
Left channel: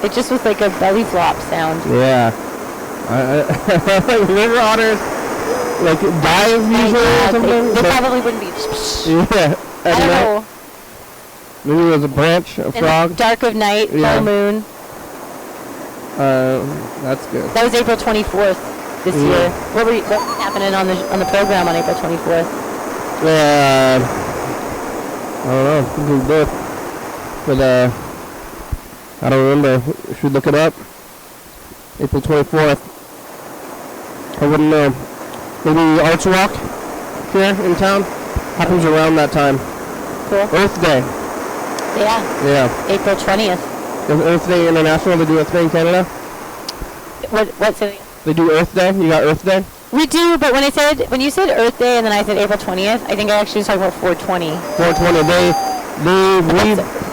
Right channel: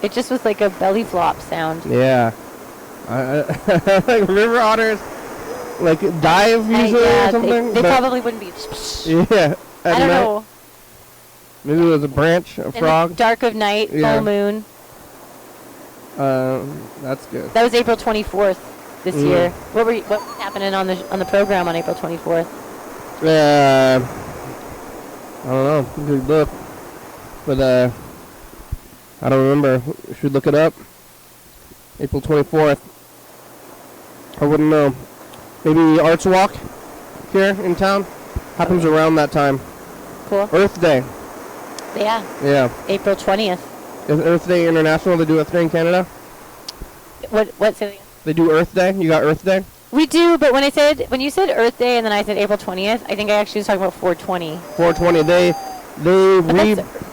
It just was like a belly flop sound. Yeah. River otters like dive usually or something? They probably wouldn't be. Yeah. I don't know. Maybe there's a branch, a frog. The dark of night, full moon. That's good. That was April 24th this year. What was happening on the program on April 24th? I don't know. Could be both. But I don't remember. We should look it up. April 24th. I wouldn't know. Maybe Arts Walk here in town happens around that time. Cool. Earth Day. Yeah. Yeah. April 20th. Is Earth Day international? They do Earth Day in Canada? What's it? They do Earth Day? You got Earth Day? We do, but when you said Earth Day and then I said April 20th, I think I actually was talking about 420. 420. They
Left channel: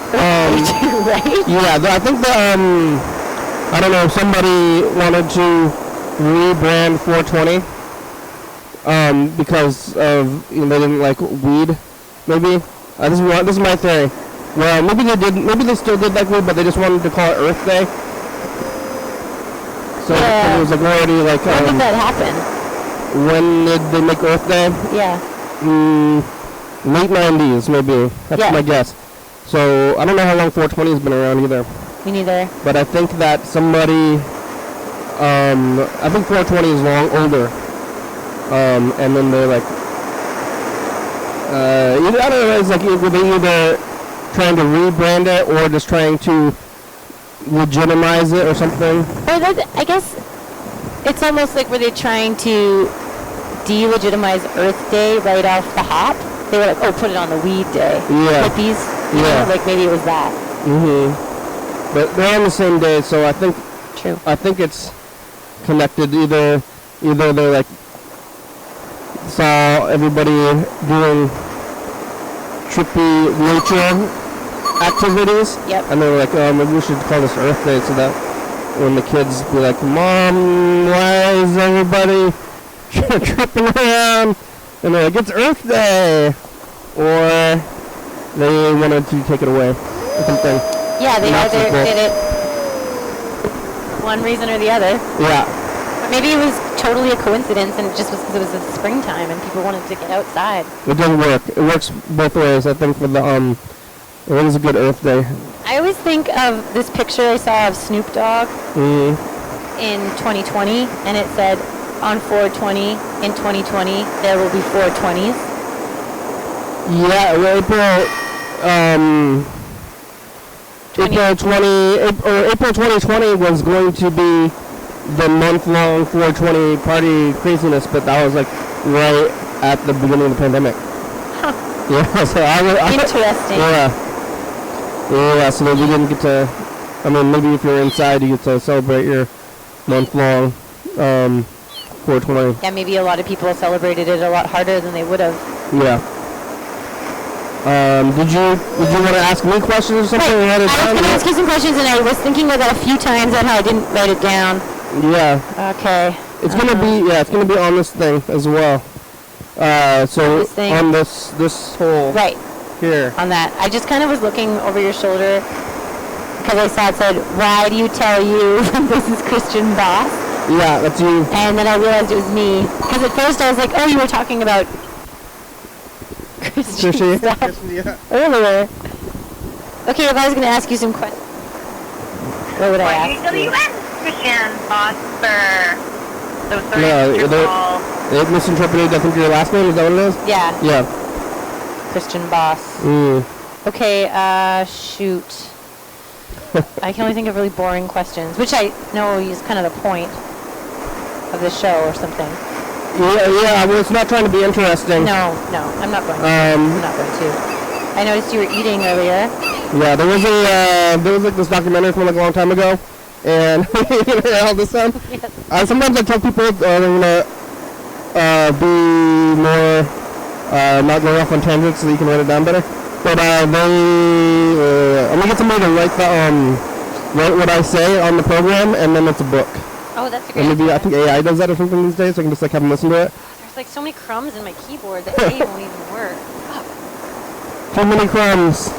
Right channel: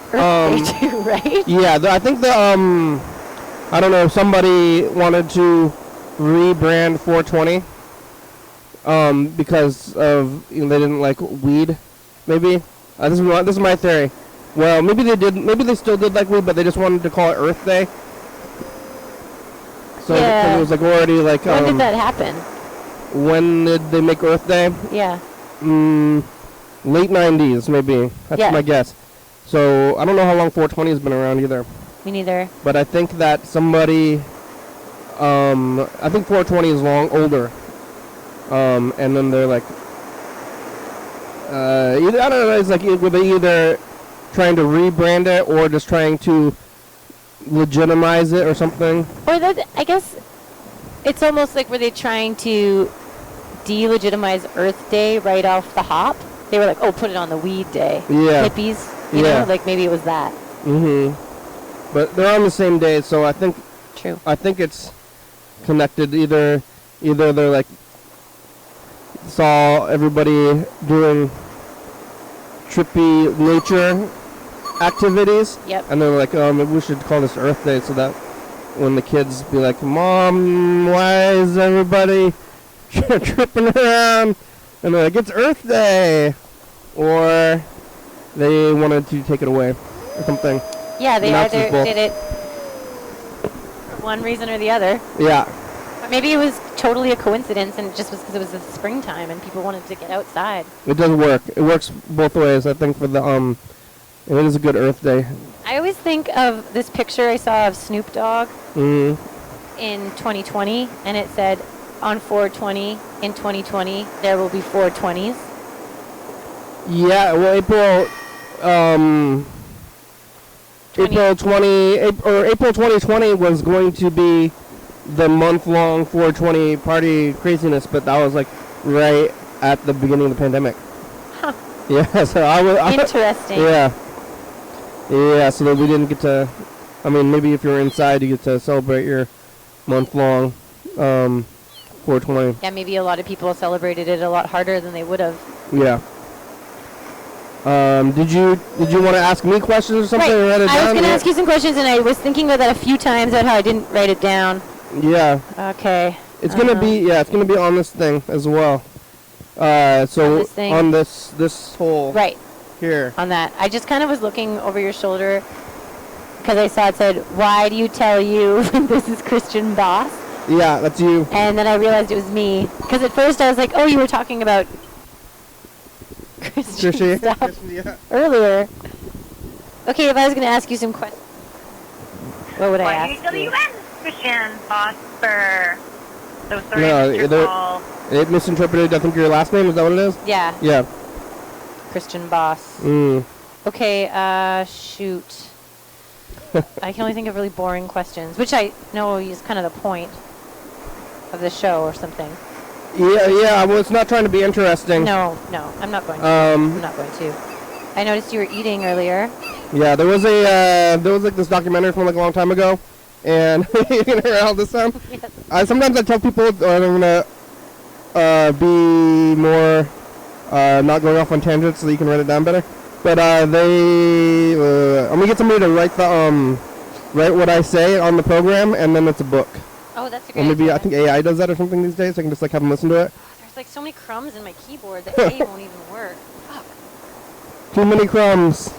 Right? Yeah, I think I don't know, somebody wanted to rebrand 420 because of, they didn't like weed, maybe. This is my theory. Well, maybe they still did like weed, but they just wanted to call it Earth Day. So it was like already like. When did that happen? When did they make Earth Day? Yeah. Late 90s, maybe. That's my guess. So I don't know how long 420 has been around either. Me neither. But I think that somebody, I think 420 is older. And then they're like, I don't know, it's like were they either trying to rebrand it or just trying to legitimize it or something? Or I guess it's almost like were they trying to delegitimize Earth Day right off the hop? They were like, oh, put it on the weed day. Yeah. Hippies, you know, like maybe it was that. Mm-hmm. But they're on the same day, so I think. True. I think it's connected. Either they like saw everybody doing trippy nature activities. Yep. And they were like, oh, maybe we should call this Earth Day, so that when the kids be like, Mom, why is everybody tripping around? And they're like, it's Earth Day! Or they wanted to take it away or something. Yeah, they either did it one reason or the other. Yeah. But maybe it was totally a coincidence and it just was because it was the springtime and people wanted to get outside. It does work. It works both ways, I think, for the, it is a good Earth Day. I always think of this picture I saw of Snoop Dogg in 2020, and it said, on 420 in 2020, there will be 420s. Yeah, well, April 2020 was going to be the month-long 420 party craziness, but that was like right at the beginning of the pandemic. Huh. Yeah, so Interesting. Yeah, so we didn't get to, I mean, maybe if you're inside, you get to celebrate your month-long 420. Yeah, maybe a lot of people celebrated it a lot harder than they would have. Yeah. Did you want to ask me questions or something? Right. I was going to ask you some questions, and I was thinking about that a few times, and I didn't write it down. Yeah. Okay. It's gonna be on this thing as well. So on this hole. Right. Here. On that, I just kind of was looking over your shoulder because I saw it said, "Why do you tell you this is Christian Boss?" Yeah, that's you. And then I realized it was me because at first I was like, "Oh, you were talking about Christian stuff earlier." Okay, if I was going to ask you some questions, what would I ask you? YDHWM, Christian Boss for. So sorry, they misinterpreted, I think, your last name. Is that what it is? Yeah. Yeah. Christian Boss. Okay, shoot. I can only think of really boring questions, which I know is kind of the point of the show or something. Yeah, well, it's not trying to be interesting. No, I'm not going to. I'm not going to. I noticed you were eating earlier. Yeah, there was like this documentary from like a long time ago, and you can hear all this stuff. Yes. Sometimes I tell people I'm gonna be more not going off on tangents so you can write it down better. But I'm gonna get somebody to write what I say on the program, and then it's a book. Oh, that's a great And maybe idea. I think AI does that or something these days, so I can just like have them listen to it. There's like so many crumbs in my keyboard that A won't even work. Fuck. Too many crumbs.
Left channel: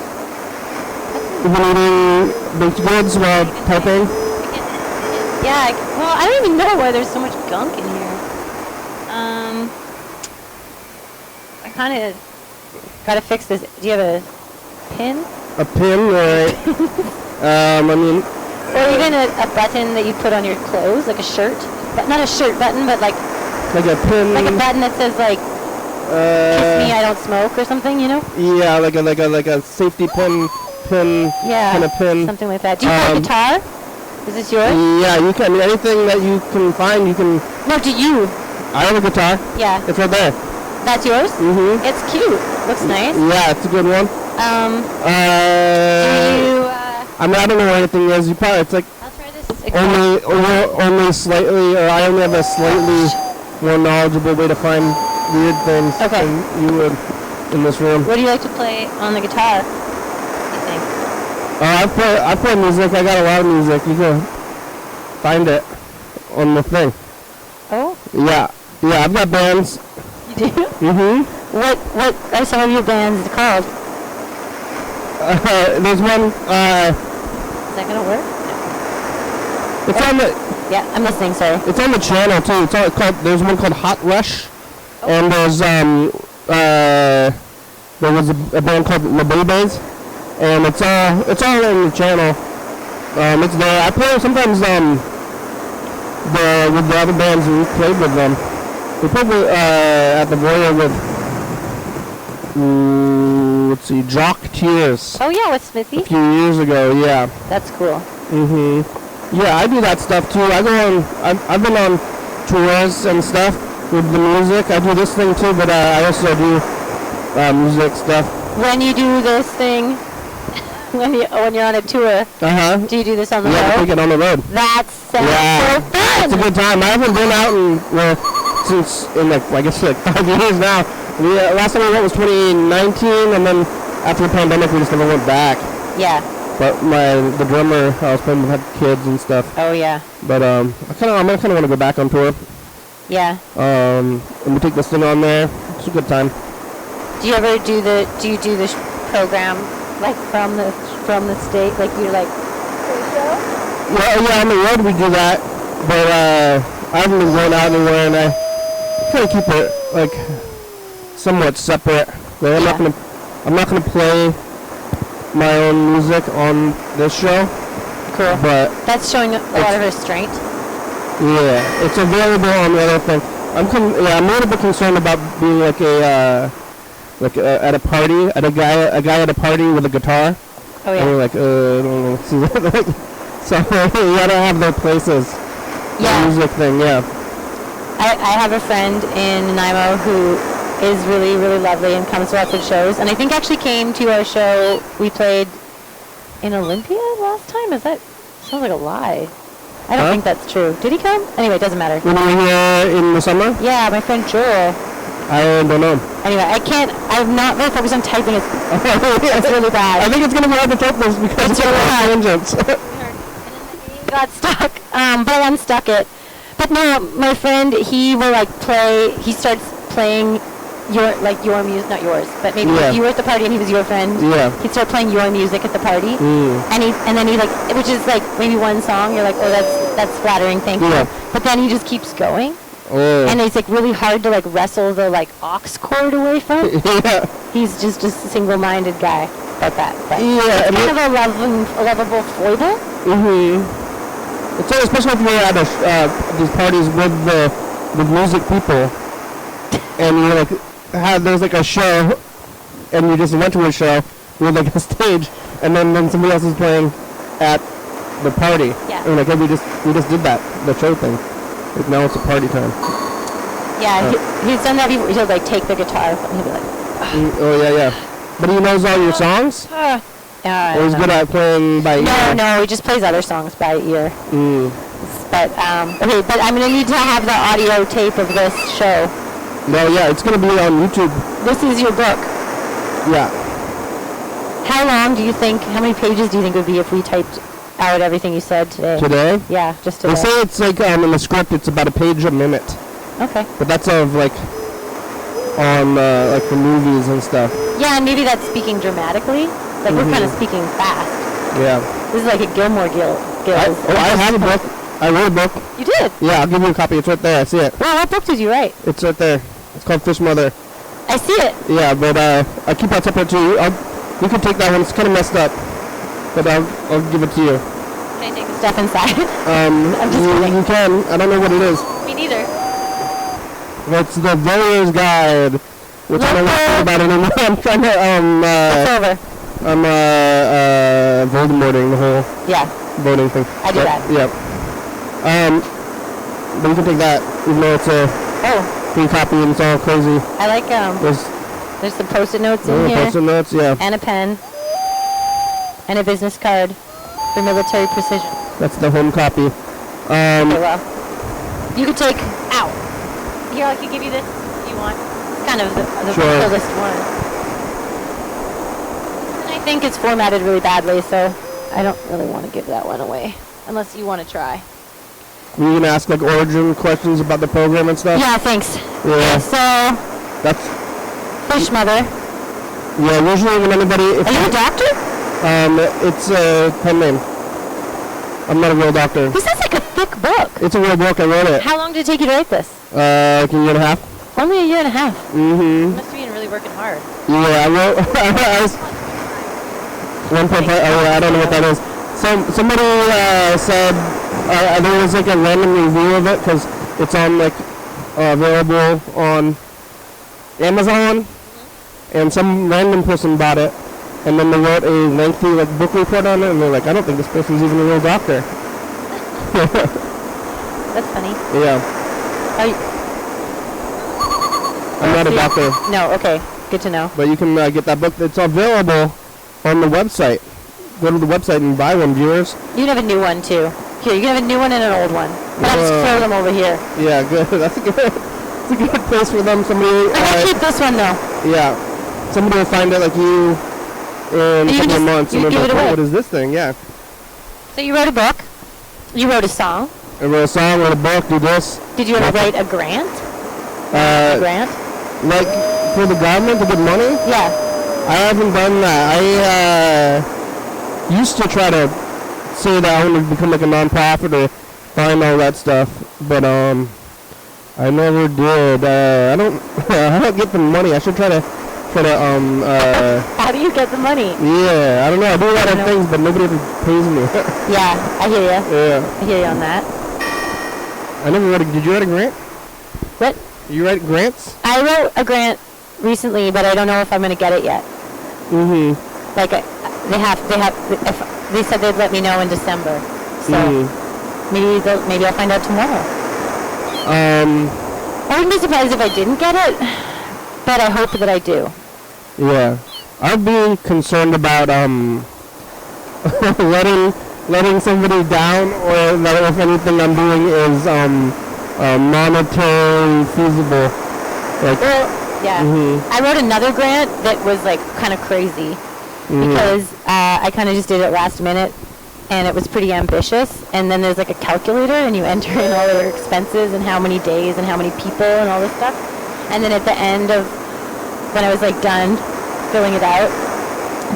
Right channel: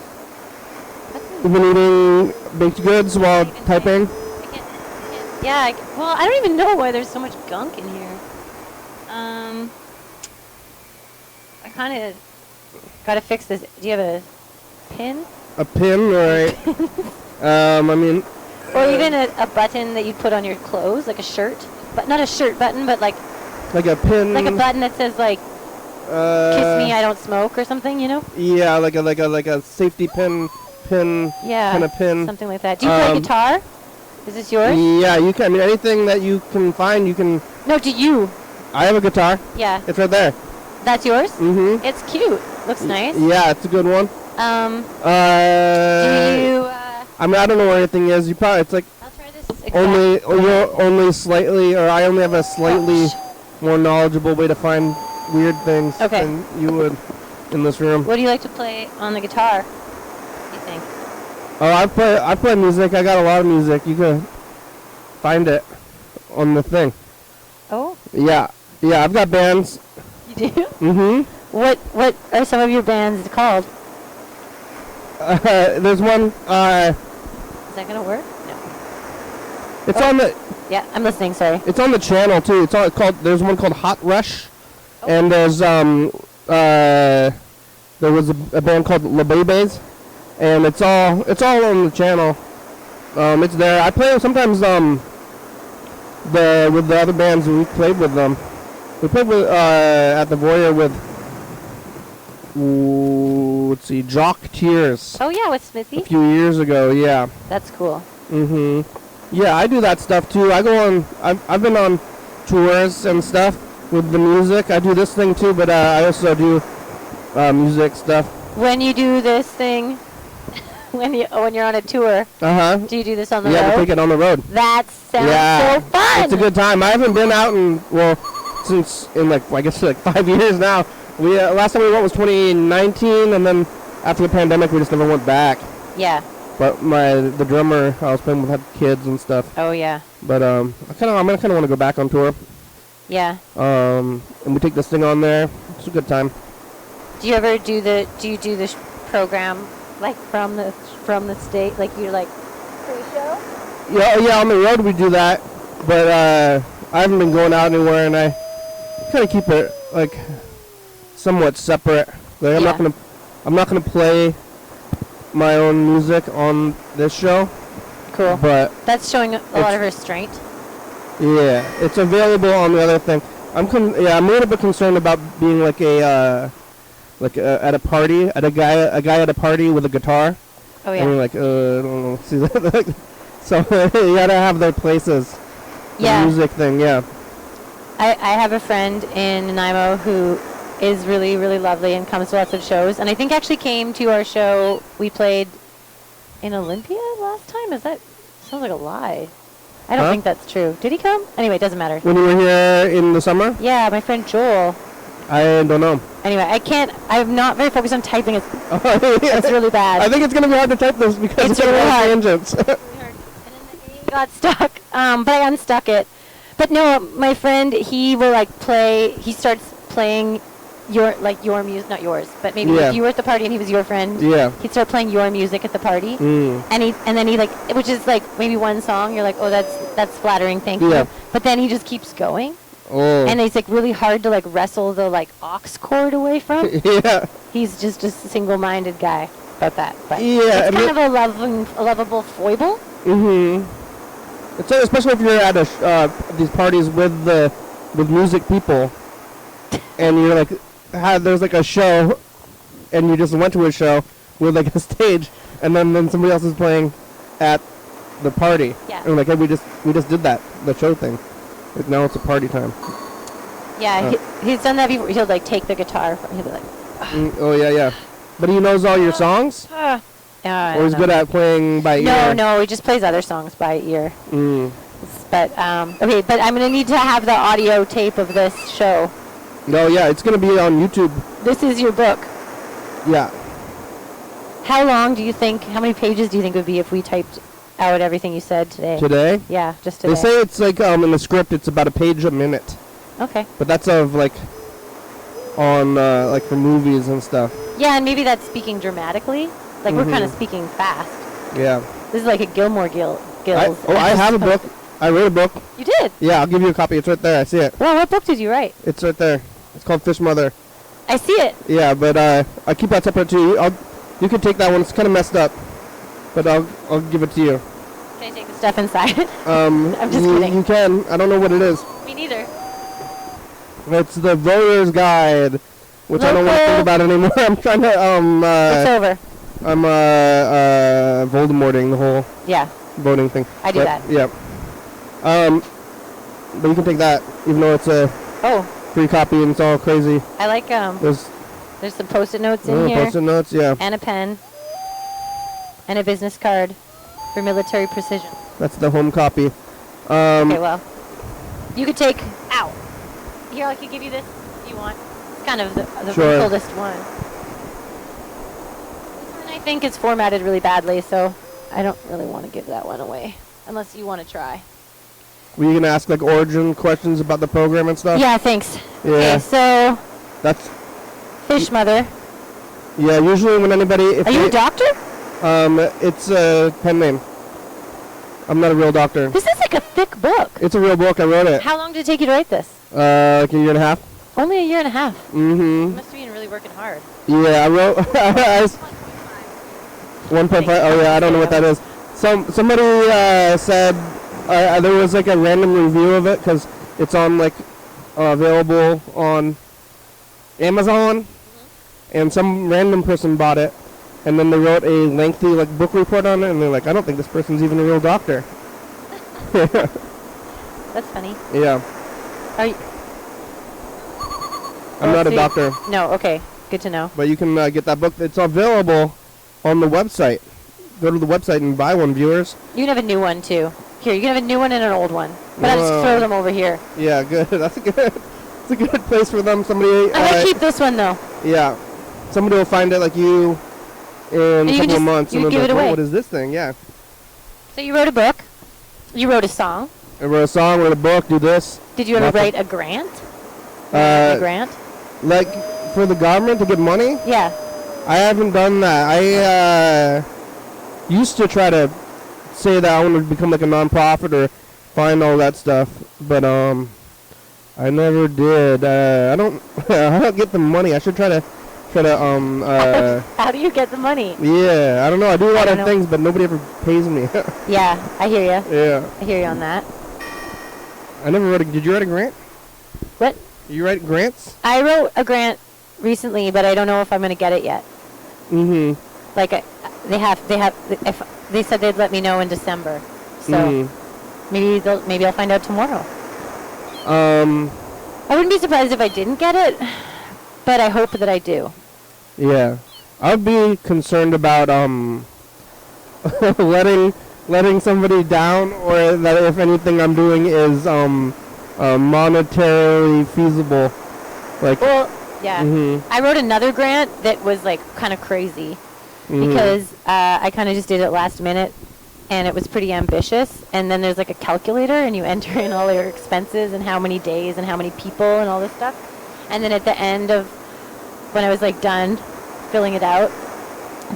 You've been eating baked goods while typing? Yeah, well, I don't even know why there's so much gunk in here. I kind of gotta fix this. Do you have a pin? A pin, right? I mean... Or even a button that you put on your clothes, like a shirt. But not a shirt button, but like a pin. Like a button that says like, "Kiss me, I don't smoke" or something, you know? Yeah, like a safety pin. Yeah. Kind of pin. Something like that. Do you play guitar? Is this yours? Yeah, you can. I mean, anything that you can find, you can. No, do you? I have a guitar. Yeah. It's right there. That's yours? Mm-hmm. It's cute. Looks nice. Yeah, it's a good one. Do you? I mean, I don't know what anything is. You probably it's like. I'll try this. Only slightly, or I only have a slightly more knowledgeable way to find weird things Okay. than you would in this room. What do you like to play on the guitar? You think? Oh, I play music. I got a lot of music. You can find it on the thing. Oh, Yeah, I've got bands. you do? Mm-hmm. What are some of your bands called? There's one. Is that gonna work? It's on the. Yeah, I'm listening. Sorry. It's on the channel too. It's on, called. There's one called Hot Rush, and there's there was a band called La Bebes, and it's all on the channel. It's there. I play sometimes with the other bands we played with them. We played with, at the Voyeur with let's see, Jock Tears Oh yeah, with Smithy. a few years ago. Yeah. That's cool. Mhm. Yeah, I do that stuff too. I go on. I've been on tours and stuff with the music. I do this thing too, but I also do music stuff. When you do this thing, when you're on a tour, do you do this on the Yeah, road? take it on the road. That sounds so fun. It's a good time. I haven't been out since in like 5 years now. Last time we went was 2019, and then after the pandemic, we just never went back. Yeah. But the drummer I was playing with had kids and stuff. Oh yeah. But I kind of want to go back on tour. Yeah. And we take this thing on there. It's a good time. Do you ever do the program like from the state? Like you're like. Yeah, on the road we do that, but I haven't been going out anywhere, and I kind of keep it like somewhat separate. Like, I'm not gonna play my own music on this show. Cool. But that's showing a lot of restraint. Yeah, it's available on the other thing. I'm a little bit concerned about being like at a party, a guy at a party with a guitar. Oh yeah. And we're like, I don't know. So you gotta have their places. Yeah. The music thing, yeah. I have a friend in Nanaimo who is really, really lovely and comes to lots of shows. And I think actually came to our show we played in Olympia last time. Sounds like a lie. I don't think that's true. Did he come? Anyway, it doesn't matter. When we were here in the summer? Yeah, my friend Joel. I don't know. Anyway, I'm not very focused on typing. It's really bad. I think it's going to be hard to type this because it's really high tangents. Got stuck, but unstuck it. But no, my friend, he will he starts playing your music, not yours, but maybe if you were at the party and he was your friend, he'd start playing your music at the party, and then he which is like maybe one song, you're like, oh, that's flattering, thank you, but then he just keeps going. And it's like really hard to wrestle the aux cord away from. He's just a single-minded guy about that. But it's kind of a lovable foible. It's like, especially if you're at these parties with music people, and you're there's a show, and you just went to a show with a stage, and then somebody else is playing at the party. Yeah. And we just did that, the show thing. Now it's a party time. Yeah, he's done that. He'll take the guitar and he'll be like. Oh yeah. But he knows all your songs. Or he's good at playing by ear. No, he just plays other songs by ear. But okay, but I'm gonna need to have the audio tape of this show. No, yeah, it's gonna be on YouTube. This is your book. Yeah. How long do you think? How many pages do you think would be if we typed out everything you said today? Today? Yeah, just today. They say it's in the script it's about a page a minute. Okay. But that's on the movies and stuff. Yeah, and maybe that's speaking dramatically. We're kind of speaking fast. Yeah. This is like a Gilmore Guild. I have a book. I wrote a book. You did? Yeah, I'll give you a copy. It's right there. I see it. Well, what book did you write? It's right there. It's called Fish Mother. I see it. Yeah, but I keep that separate too. You can take that one. It's kind of messed up, but I'll give it to you. Can I take the stuff inside? I'm just kidding. You can. I don't know what it is. Me neither. It's the Voyeur's Guide, which I don't know anything about anymore. I'm trying to it's over. I'm Voldemorting the whole voting thing. I do that. Yeah. But you can take that, even though it's a free copy and it's all crazy. I like there's some post-it notes in here. Post-it notes, yeah. And a pen. And a business card for military precision. That's the home copy. Okay, well, you could take out. Here, I can give you this if you want. It's kind of the Sure. coolest one. And I think it's formatted really badly, so I don't really want to give that one away. Unless you want to try. Were you gonna ask like origin questions about the program and stuff? Yeah, thanks. Yeah. Okay, so, That's fish mother. yeah. Usually when anybody, Are you a doctor? it's a pen name. I'm not a real doctor. This is like a thick book. It's a real book. I wrote it. How long did it take you to write this? Like a year and a half. Only a year and a half. Mm-hmm. Must have been really working hard. Yeah, I wrote. I was 1.5. I don't know what that is. Somebody said there was like a random review of it because it's on like available on Amazon, and some random person bought it, and then they wrote a lengthy like book report on it, and they're like, I don't think this person's even a real doctor. That's funny. Yeah, Are you, I'm not a doctor, no, okay. Good to know. but you can get that book. It's available on the website. Go to the website and buy one, viewers. You can have a new one, too. Here, you can have a new one and an old one. But I'll just throw them over here. Yeah, good. That's a good. It's a good place for them. Somebody. I'm going to keep this one, though. Yeah, somebody will find it like you in a you couple of just- months, and you they're give like, it oh, away. what is this thing? Yeah. So you wrote a book. You wrote a song. I wrote a song, wrote a book, do this. Did you ever write a grant? A Uh, grant? like for the government to get money. Yeah. I haven't done that. I used to try to say that I want to become like a nonprofit or find all that stuff, but I never did. I don't get the money. I should try to How do you get the money? yeah, I don't know. I do a lot of know. things, but nobody pays me. Yeah, I hear you. Yeah, I hear you on that. I never wrote. Did you write a grant? What? You write grants? I wrote a grant recently, but I don't know if I'm going to get it yet. Mm-hmm. Like, they said they'd let me know in December. So maybe I'll find out tomorrow. I wouldn't be surprised if I didn't get it, but I hope that I do. Yeah, I'd be concerned about letting somebody down, or that if anything I'm doing is monetary feasible. Like, Well, yeah. I wrote another grant that was like kind of crazy because I kind of just did it last minute, and it was pretty ambitious. And then there's like a calculator, and you enter in all your expenses and how many days and how many people and all this stuff. And then at the end of when I was like done filling it out,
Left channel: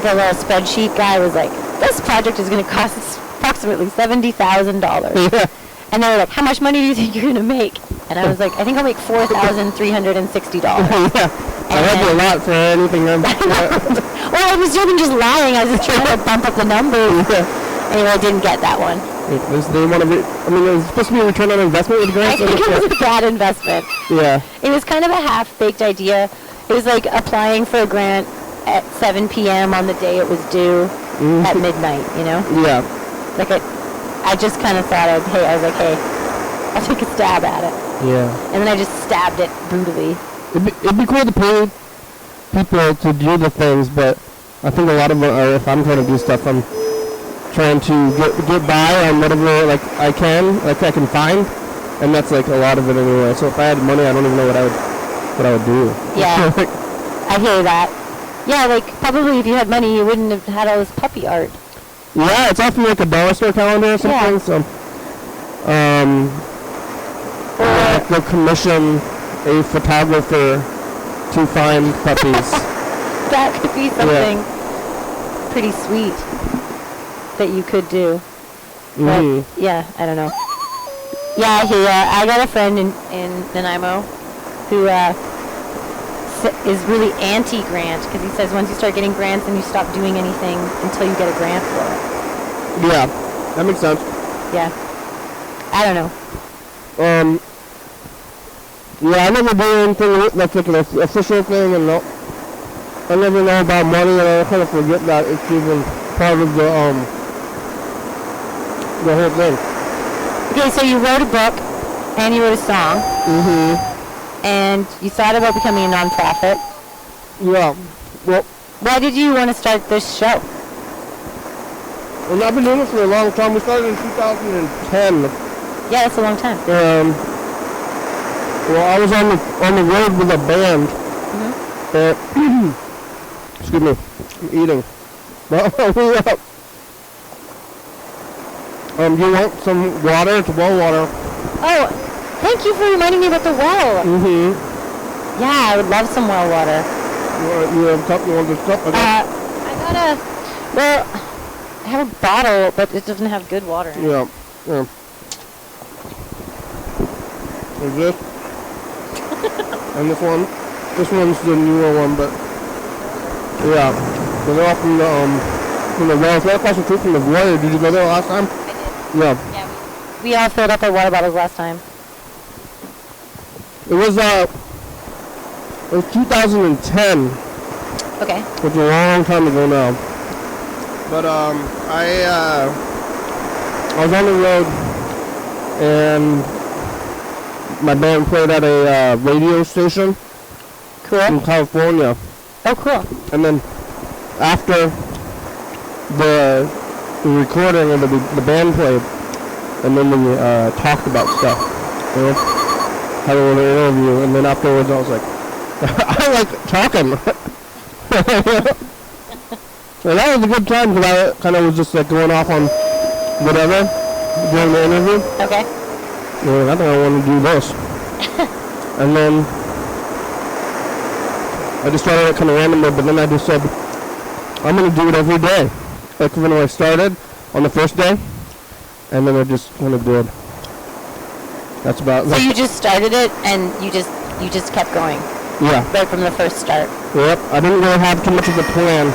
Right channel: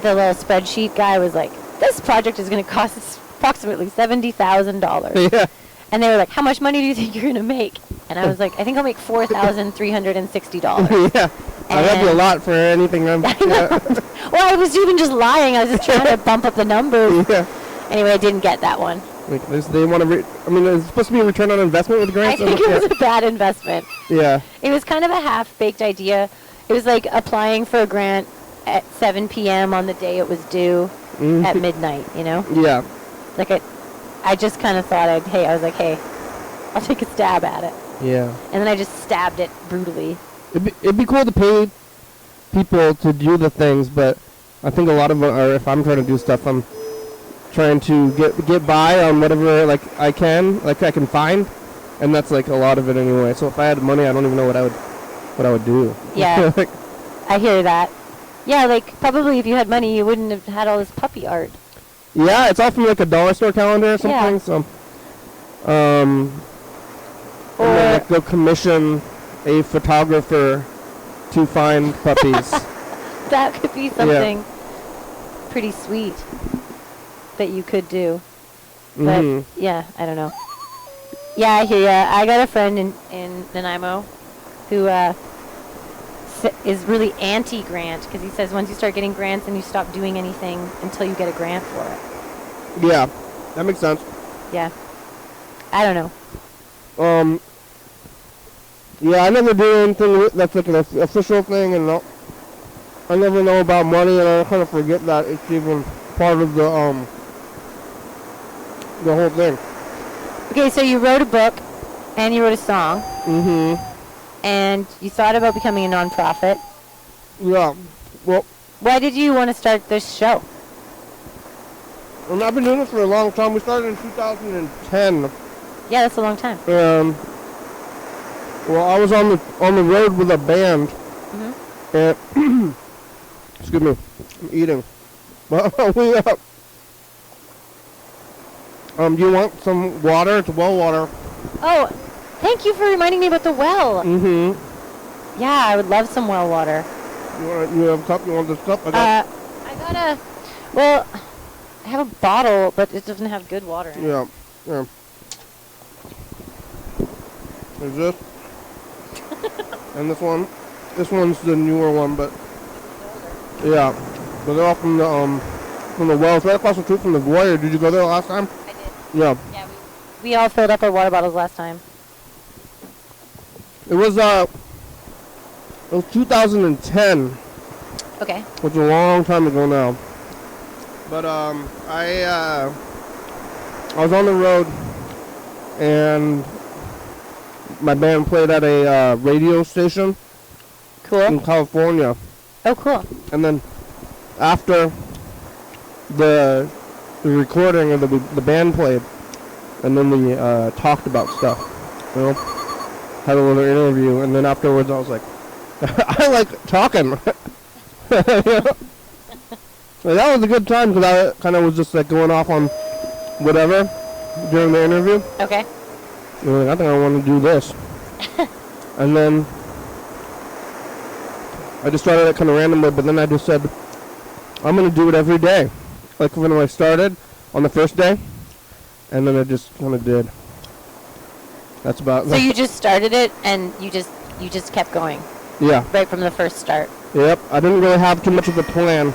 the little spreadsheet guy was like, "This project is going to cost approximately $70,000." yeah, And they were like, "How much money do you think you're going to make?" And I was like, "I think I'll make $4,360." yeah. That's a lot for anything. Well, I was even just lying. I was just trying to bump up the numbers. Anyway, I didn't get that one. They want to be. I mean, it was supposed to be a return on investment with I grants. think it was a bad investment. Yeah. It was kind of a half-baked idea. It was like applying for a grant at 7 p.m. on the day it was due at midnight, you know? Yeah. Like, I just kind of thought, I was like, hey, I'll take a stab at it. Yeah. And then I just stabbed it brutally. It'd be cool to pay people to do the things, but I think a lot of it, or if I'm trying to do stuff, I'm trying to get by on whatever like I can find, and that's like a lot of it anyway. So if I had money, I don't even know what I would do. Yeah. Like, I hear that. Yeah, like, probably if you had money, you wouldn't have had all this puppy art. yeah, it's often like a dollar store calendar or something. Yeah. So, like they'll commission a photographer to find puppies. That could be something pretty sweet that you could do. But, yeah, I don't know. Yeah, I hear ya. I got a friend in Nanaimo who is really anti-grant because he says once you start getting grants, then you stop doing anything until you get a grant for it. Yeah, that makes sense. Yeah. I don't know. Yeah, I never do anything that's like an official thing, and I never know about money, and I kind of forget that it's even part of the whole thing. Okay, so you wrote a book and you wrote a song. And you thought about becoming a nonprofit. Yeah. Well, Why did you want to start this show? I've been doing this for a long time. We started in 2010. Yeah, that's a long time. Well, I was on the road with a band. And excuse me, I'm eating. You want some water? It's well water. Oh, thank you for reminding me about the well. Mm-hmm. Yeah, I would love some well water. You have a cup? You want this cup? I have a bottle, but it doesn't have good water in it. Yeah. There's this. And this one. This one's the newer one, but yeah. They're all from the well. It's right across the street from the void. Did you go there last time? I did. No. Yeah, we all filled up our water bottles last time. It was 2010. Okay. Which is a long time ago now. But I was on the road and my band played at a radio station. Cool. In California. Oh, cool. And then after the recording of the band played, and then we talked about stuff, you know, had a little interview, and then afterwards I was like, I like talking. And that was a good time because I kind of was just like going off on whatever during the interview. Okay. And I think I want to do this. And then I just started out kind of randomly, but then I just said, I'm going to do it every day. Like when I started on the first day, and then I just kind of did. That's about. So you just started it, and you just kept going. Yeah. Right from the first start. Yep. I didn't really have too much of a plan,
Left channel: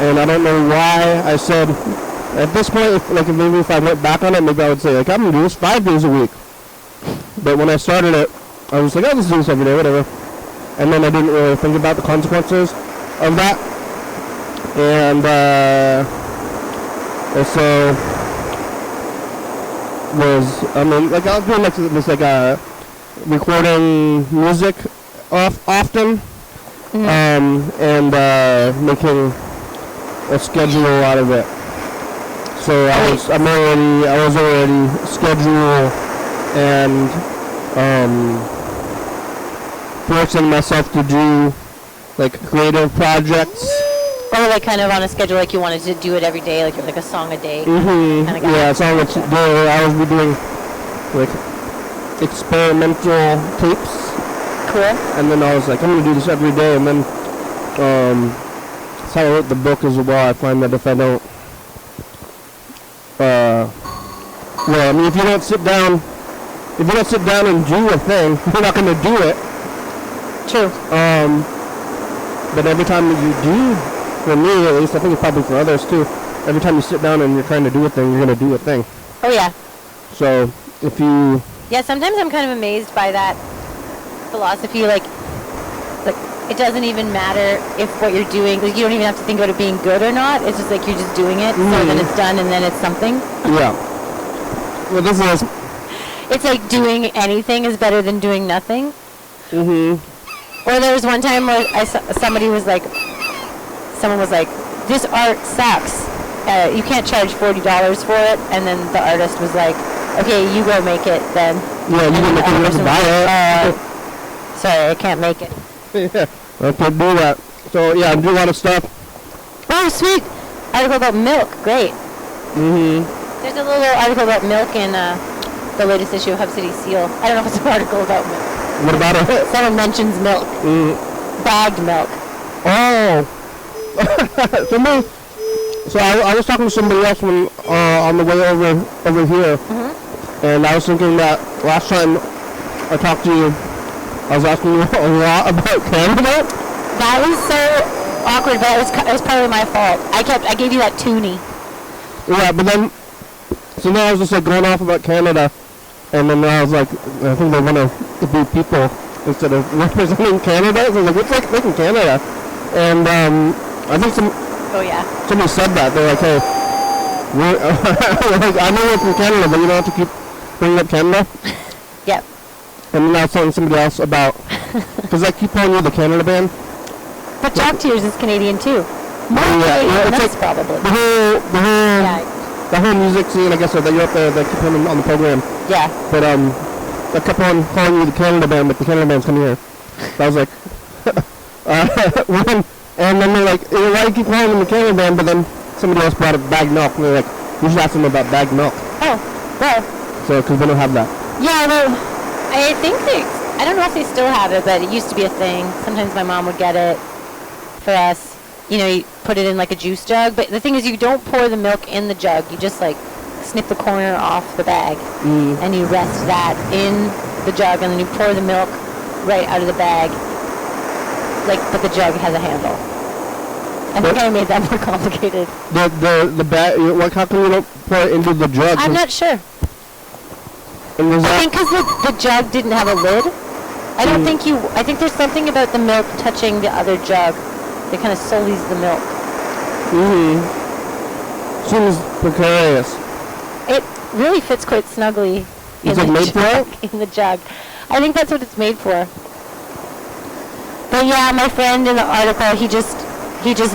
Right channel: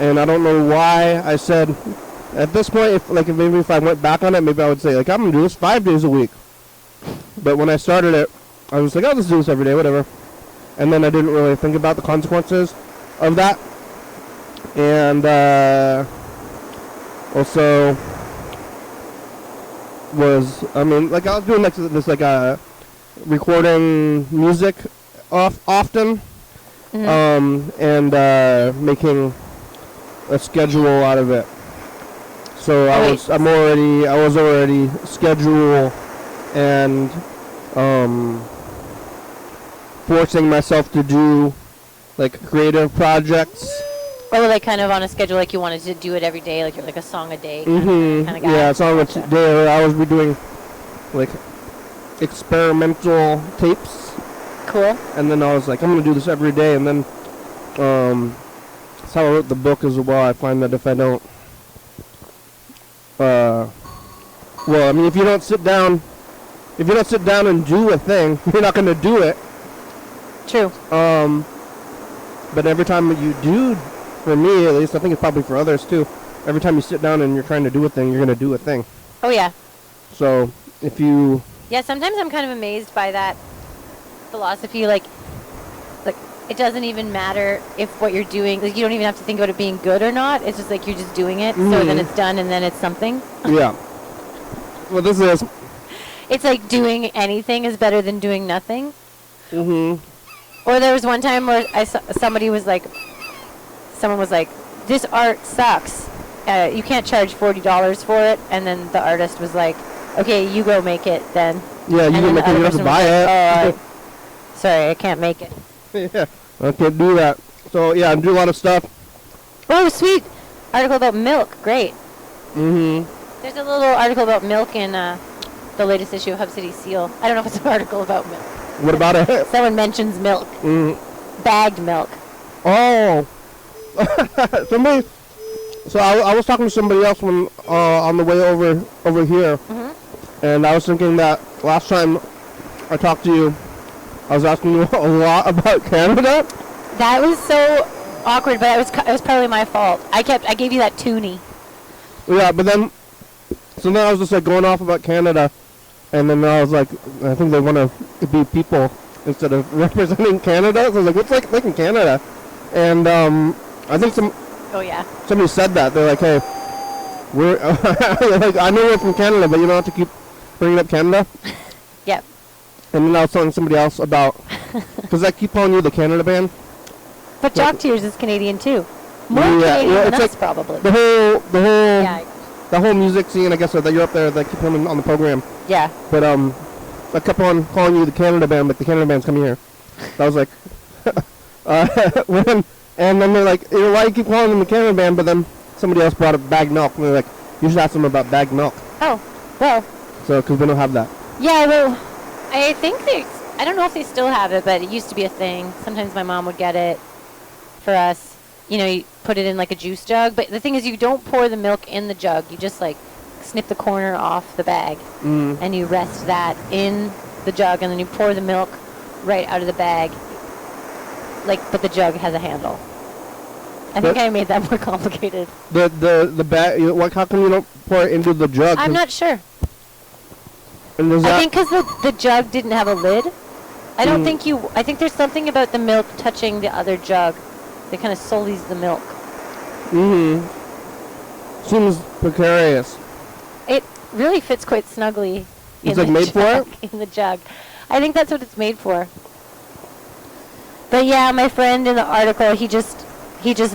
and I don't know why I said. At this point, if I went back on it, maybe I would say like I'm gonna do this 5 days a week. But when I started it, I was like, I'll just do this every day, whatever. And then I didn't really think about the consequences of that. And also I was doing this recording music often, and making a schedule out of it. So I was already scheduled and forcing myself to do like creative projects. Or like kind of on a schedule, like you wanted to do it every day, like a song a day. Mm-hmm. Kind of guy. Yeah, it's not like I was doing like experimental tapes. Cool. And then I was like, I'm gonna do this every day, and then that's how I wrote the book as well. I find that if I don't, if you don't sit down and do a thing, you're not gonna do it. True. But every time you do, for me at least, I think it's probably for others too, every time you sit down and you're trying to do a thing, you're gonna do a thing. Oh yeah. So if you... Yeah, sometimes I'm kind of amazed by that philosophy, like it doesn't even matter if what you're doing, like you don't even have to think about it being good or not, it's just like you're just doing it, so then it's done and then it's something. Yeah. Well, this is... It's like doing anything is better than doing nothing. Mm-hmm. Or there was one time where someone was like, this art sucks. You can't charge $40 for it. And then the artist was like, okay, you go make it then. Yeah, you can make it enough to buy it. Sorry, I can't make it. Yeah, I could do that. So, yeah, I do a lot of stuff. Oh, sweet. Article about milk. Great. Mm-hmm. There's a little article about milk in the latest issue of Hub City Seal. I don't know if it's an article about milk. What about it? Someone mentions milk. Bagged milk. Oh. So I was talking to somebody else on the way over here, and I was thinking that last time I talked to you, I was asking you a lot about Canada. That was so awkward, but it was partly my fault. I gave you that toonie. Yeah, but then I was just like going off about Canada, and then I was like, I think they want to be people instead of representing Canada. So I was like, what's like in Canada? And I think somebody said that. They're like, hey, I know we're from Canada, but you don't have to keep bringing up Canada. Yep. And then I was telling somebody else about, because I keep calling you the Canada band. But Jock Tears is Canadian too. More Canadian than us, probably. The whole music scene, I guess, that you're up there, that keep coming on the program. Yeah. But I kept on calling you the Canada Band, but the Canada Band's coming here. I was like, and then they're like, why do you keep calling them the Canada Band? But then somebody else brought up bagged milk, and they're like, you should ask them about bagged milk. Oh, well. So, because they don't have that. Yeah, well, I think I don't know if they still have it, but it used to be a thing. Sometimes my mom would get it for us. You know, you put it in like a juice jug. But the thing is, you don't pour the milk in the jug. You just like snip the corner off the bag. And you rest that in the jug, and then you pour the milk right out of the bag. Like, but the jug has a handle. I think I made that more complicated. The bag, like, how come you don't pour it into the jug? I'm not sure. And was I think because the jug didn't have a lid. I don't think I think there's something about the milk touching the other jug that kind of sullies the milk. Seems precarious. It really fits quite snugly It's like made for it? in the jug. I think that's what it's made for. But yeah, my friend in the article, he just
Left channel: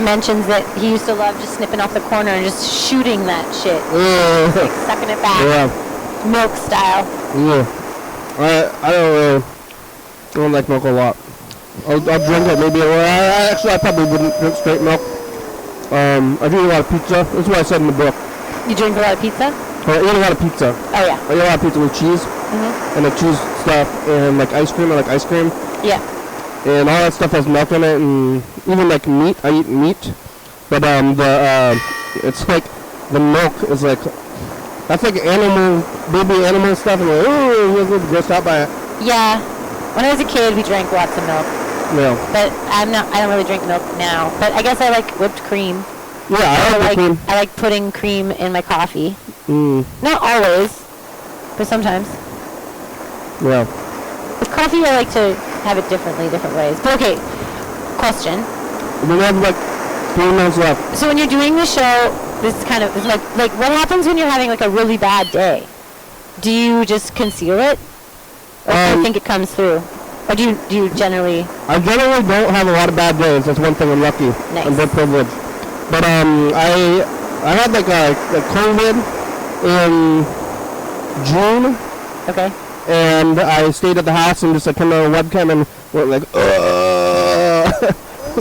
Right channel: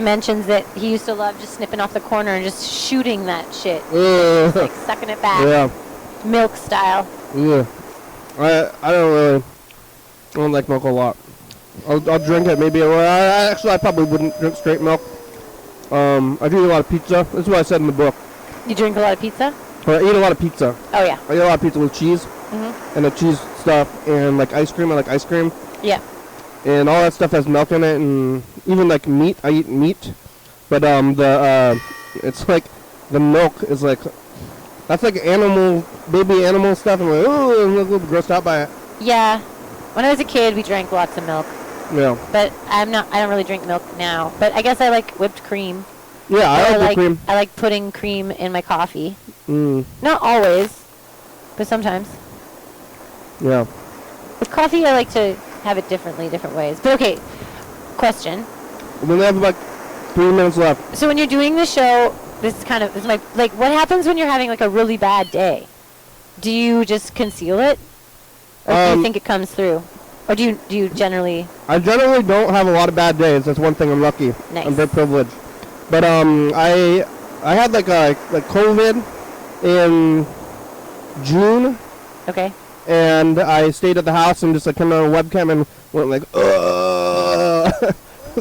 mentions that he used to love just snipping off the corner and just shooting that shit. Like sucking it back. Yeah. Milk style. Yeah. I don't like milk a lot. I'll drink it maybe. I probably wouldn't drink straight milk. I do eat a lot of pizza. That's what I said in the book. You drink a lot of pizza? I eat a lot of pizza. Oh yeah. I eat a lot of pizza with cheese. And the cheese stuff and like ice cream. I like ice cream. Yeah. And all that stuff has milk in it, and even like meat. I eat meat, but it's like the milk is like that's like baby animal stuff. I'm like, I'm grossed out by it. Yeah. When I was a kid, we drank lots of milk. Yeah. But I don't really drink milk now. But I guess I like whipped cream. Yeah, I like cream. I like putting cream in my coffee. Not always, but sometimes. Yeah. With coffee, I like to have it different ways. But okay, question. We have like 3 minutes left. So when you're doing the show, this is kind of like what happens when you're having like a really bad day? Do you just conceal it, or do you think it comes through, or do you generally? I generally don't have a lot of bad days. That's one thing. I'm lucky. Nice. I'm very privileged. But I had like a COVID in June. Okay. And I stayed at the house and just turned on a webcam and went like,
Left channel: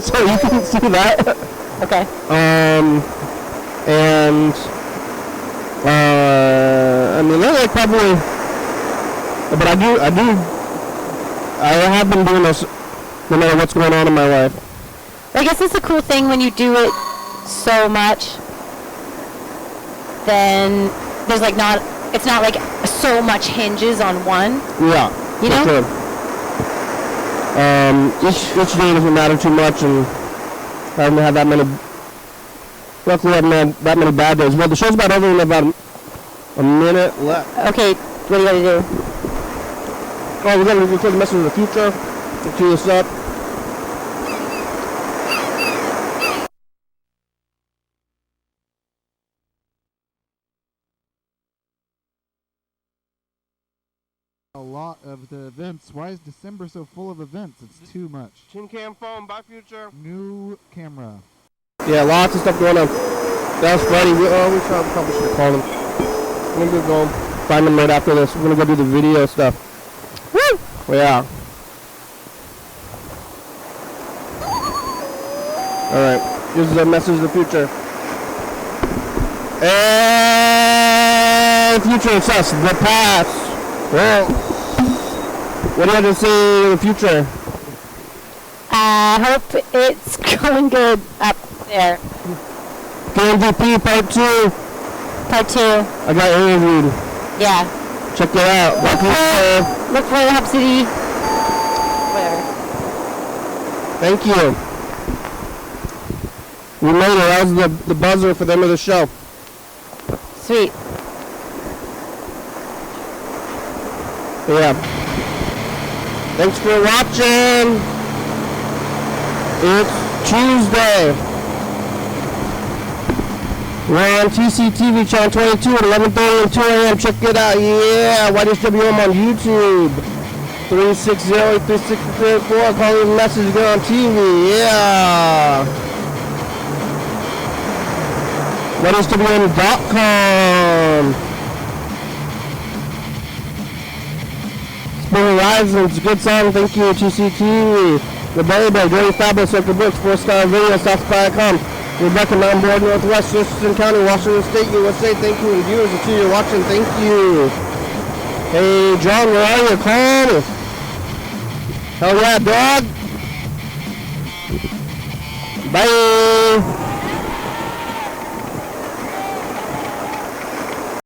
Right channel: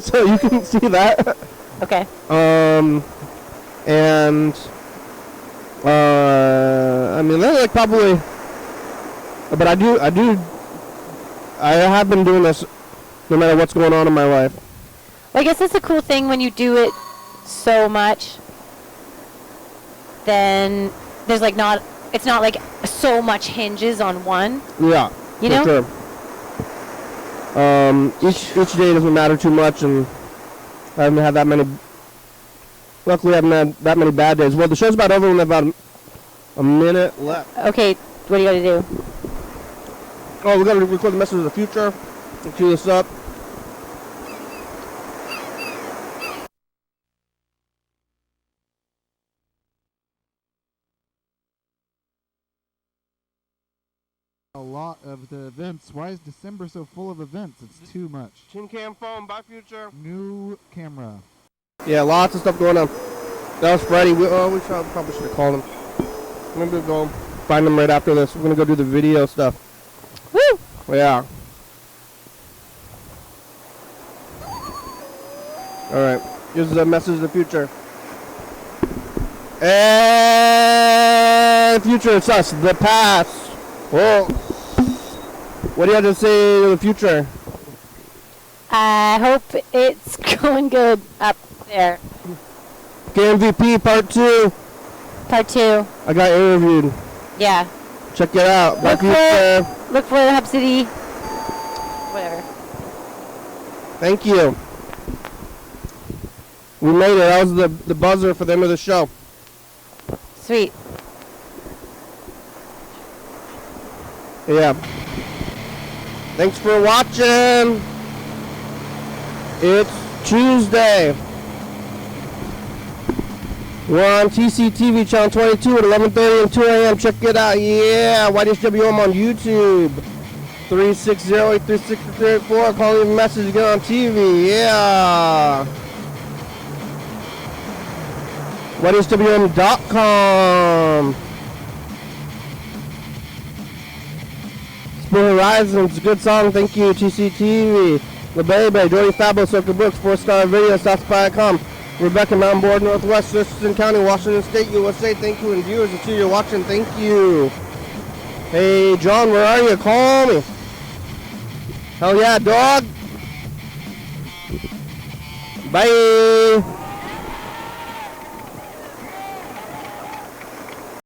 so you can see that. Okay. And I mean, that's like probably, but I have been doing this no matter what's going on in my life. I guess that's a cool thing when you do it so much. Then there's like it's not like so much hinges on one. Yeah. You know? Sure. Each day doesn't matter too much, and I haven't had that many. Luckily, I haven't had that many bad days. Well, the show's about over in about a minute left. Okay, what do you gotta do? Oh, we're gonna record the message of the future. Let's do this up. A lot of the events. Why is December so full of events? It's too much. Tin can phone, bye future. New camera. Yeah, lots of stuff going on. That was Friday. We probably should have called him. I'm gonna go find him right after this. We're gonna go do the video stuff. Woo! Well, yeah. Alright, this is a message of the future. And future, it's us, the past. Well, what do you have to say in the future? I hope it's going good up there. KMVP Part 2. Part 2. I got interviewed. Yeah. Check it out. Look for Hub City. Whatever. Thank you. We made it. That was the buzzer for the end of the show. Sweet. Yeah. Thanks for watching. It's Tuesday. We're on TCTV channel 22 at 11:30 and 2 a.m. Check it out. Yeah. YDHWM on YouTube. 360-836-384. Call me a message. Go on TV. Yeah. YDHWM.com. Spring Horizons, good song, thank you. TCT, The Baby, Dirty Fabulous, Circle Brooks, 4-star video, South.com. Rebecca, Mountain Board, Northwest, Thurston County, Washington State, USA, thank you. And viewers, if you're watching, thank you. Hey, John, where are you? Call me. Hell yeah, dog. Bye.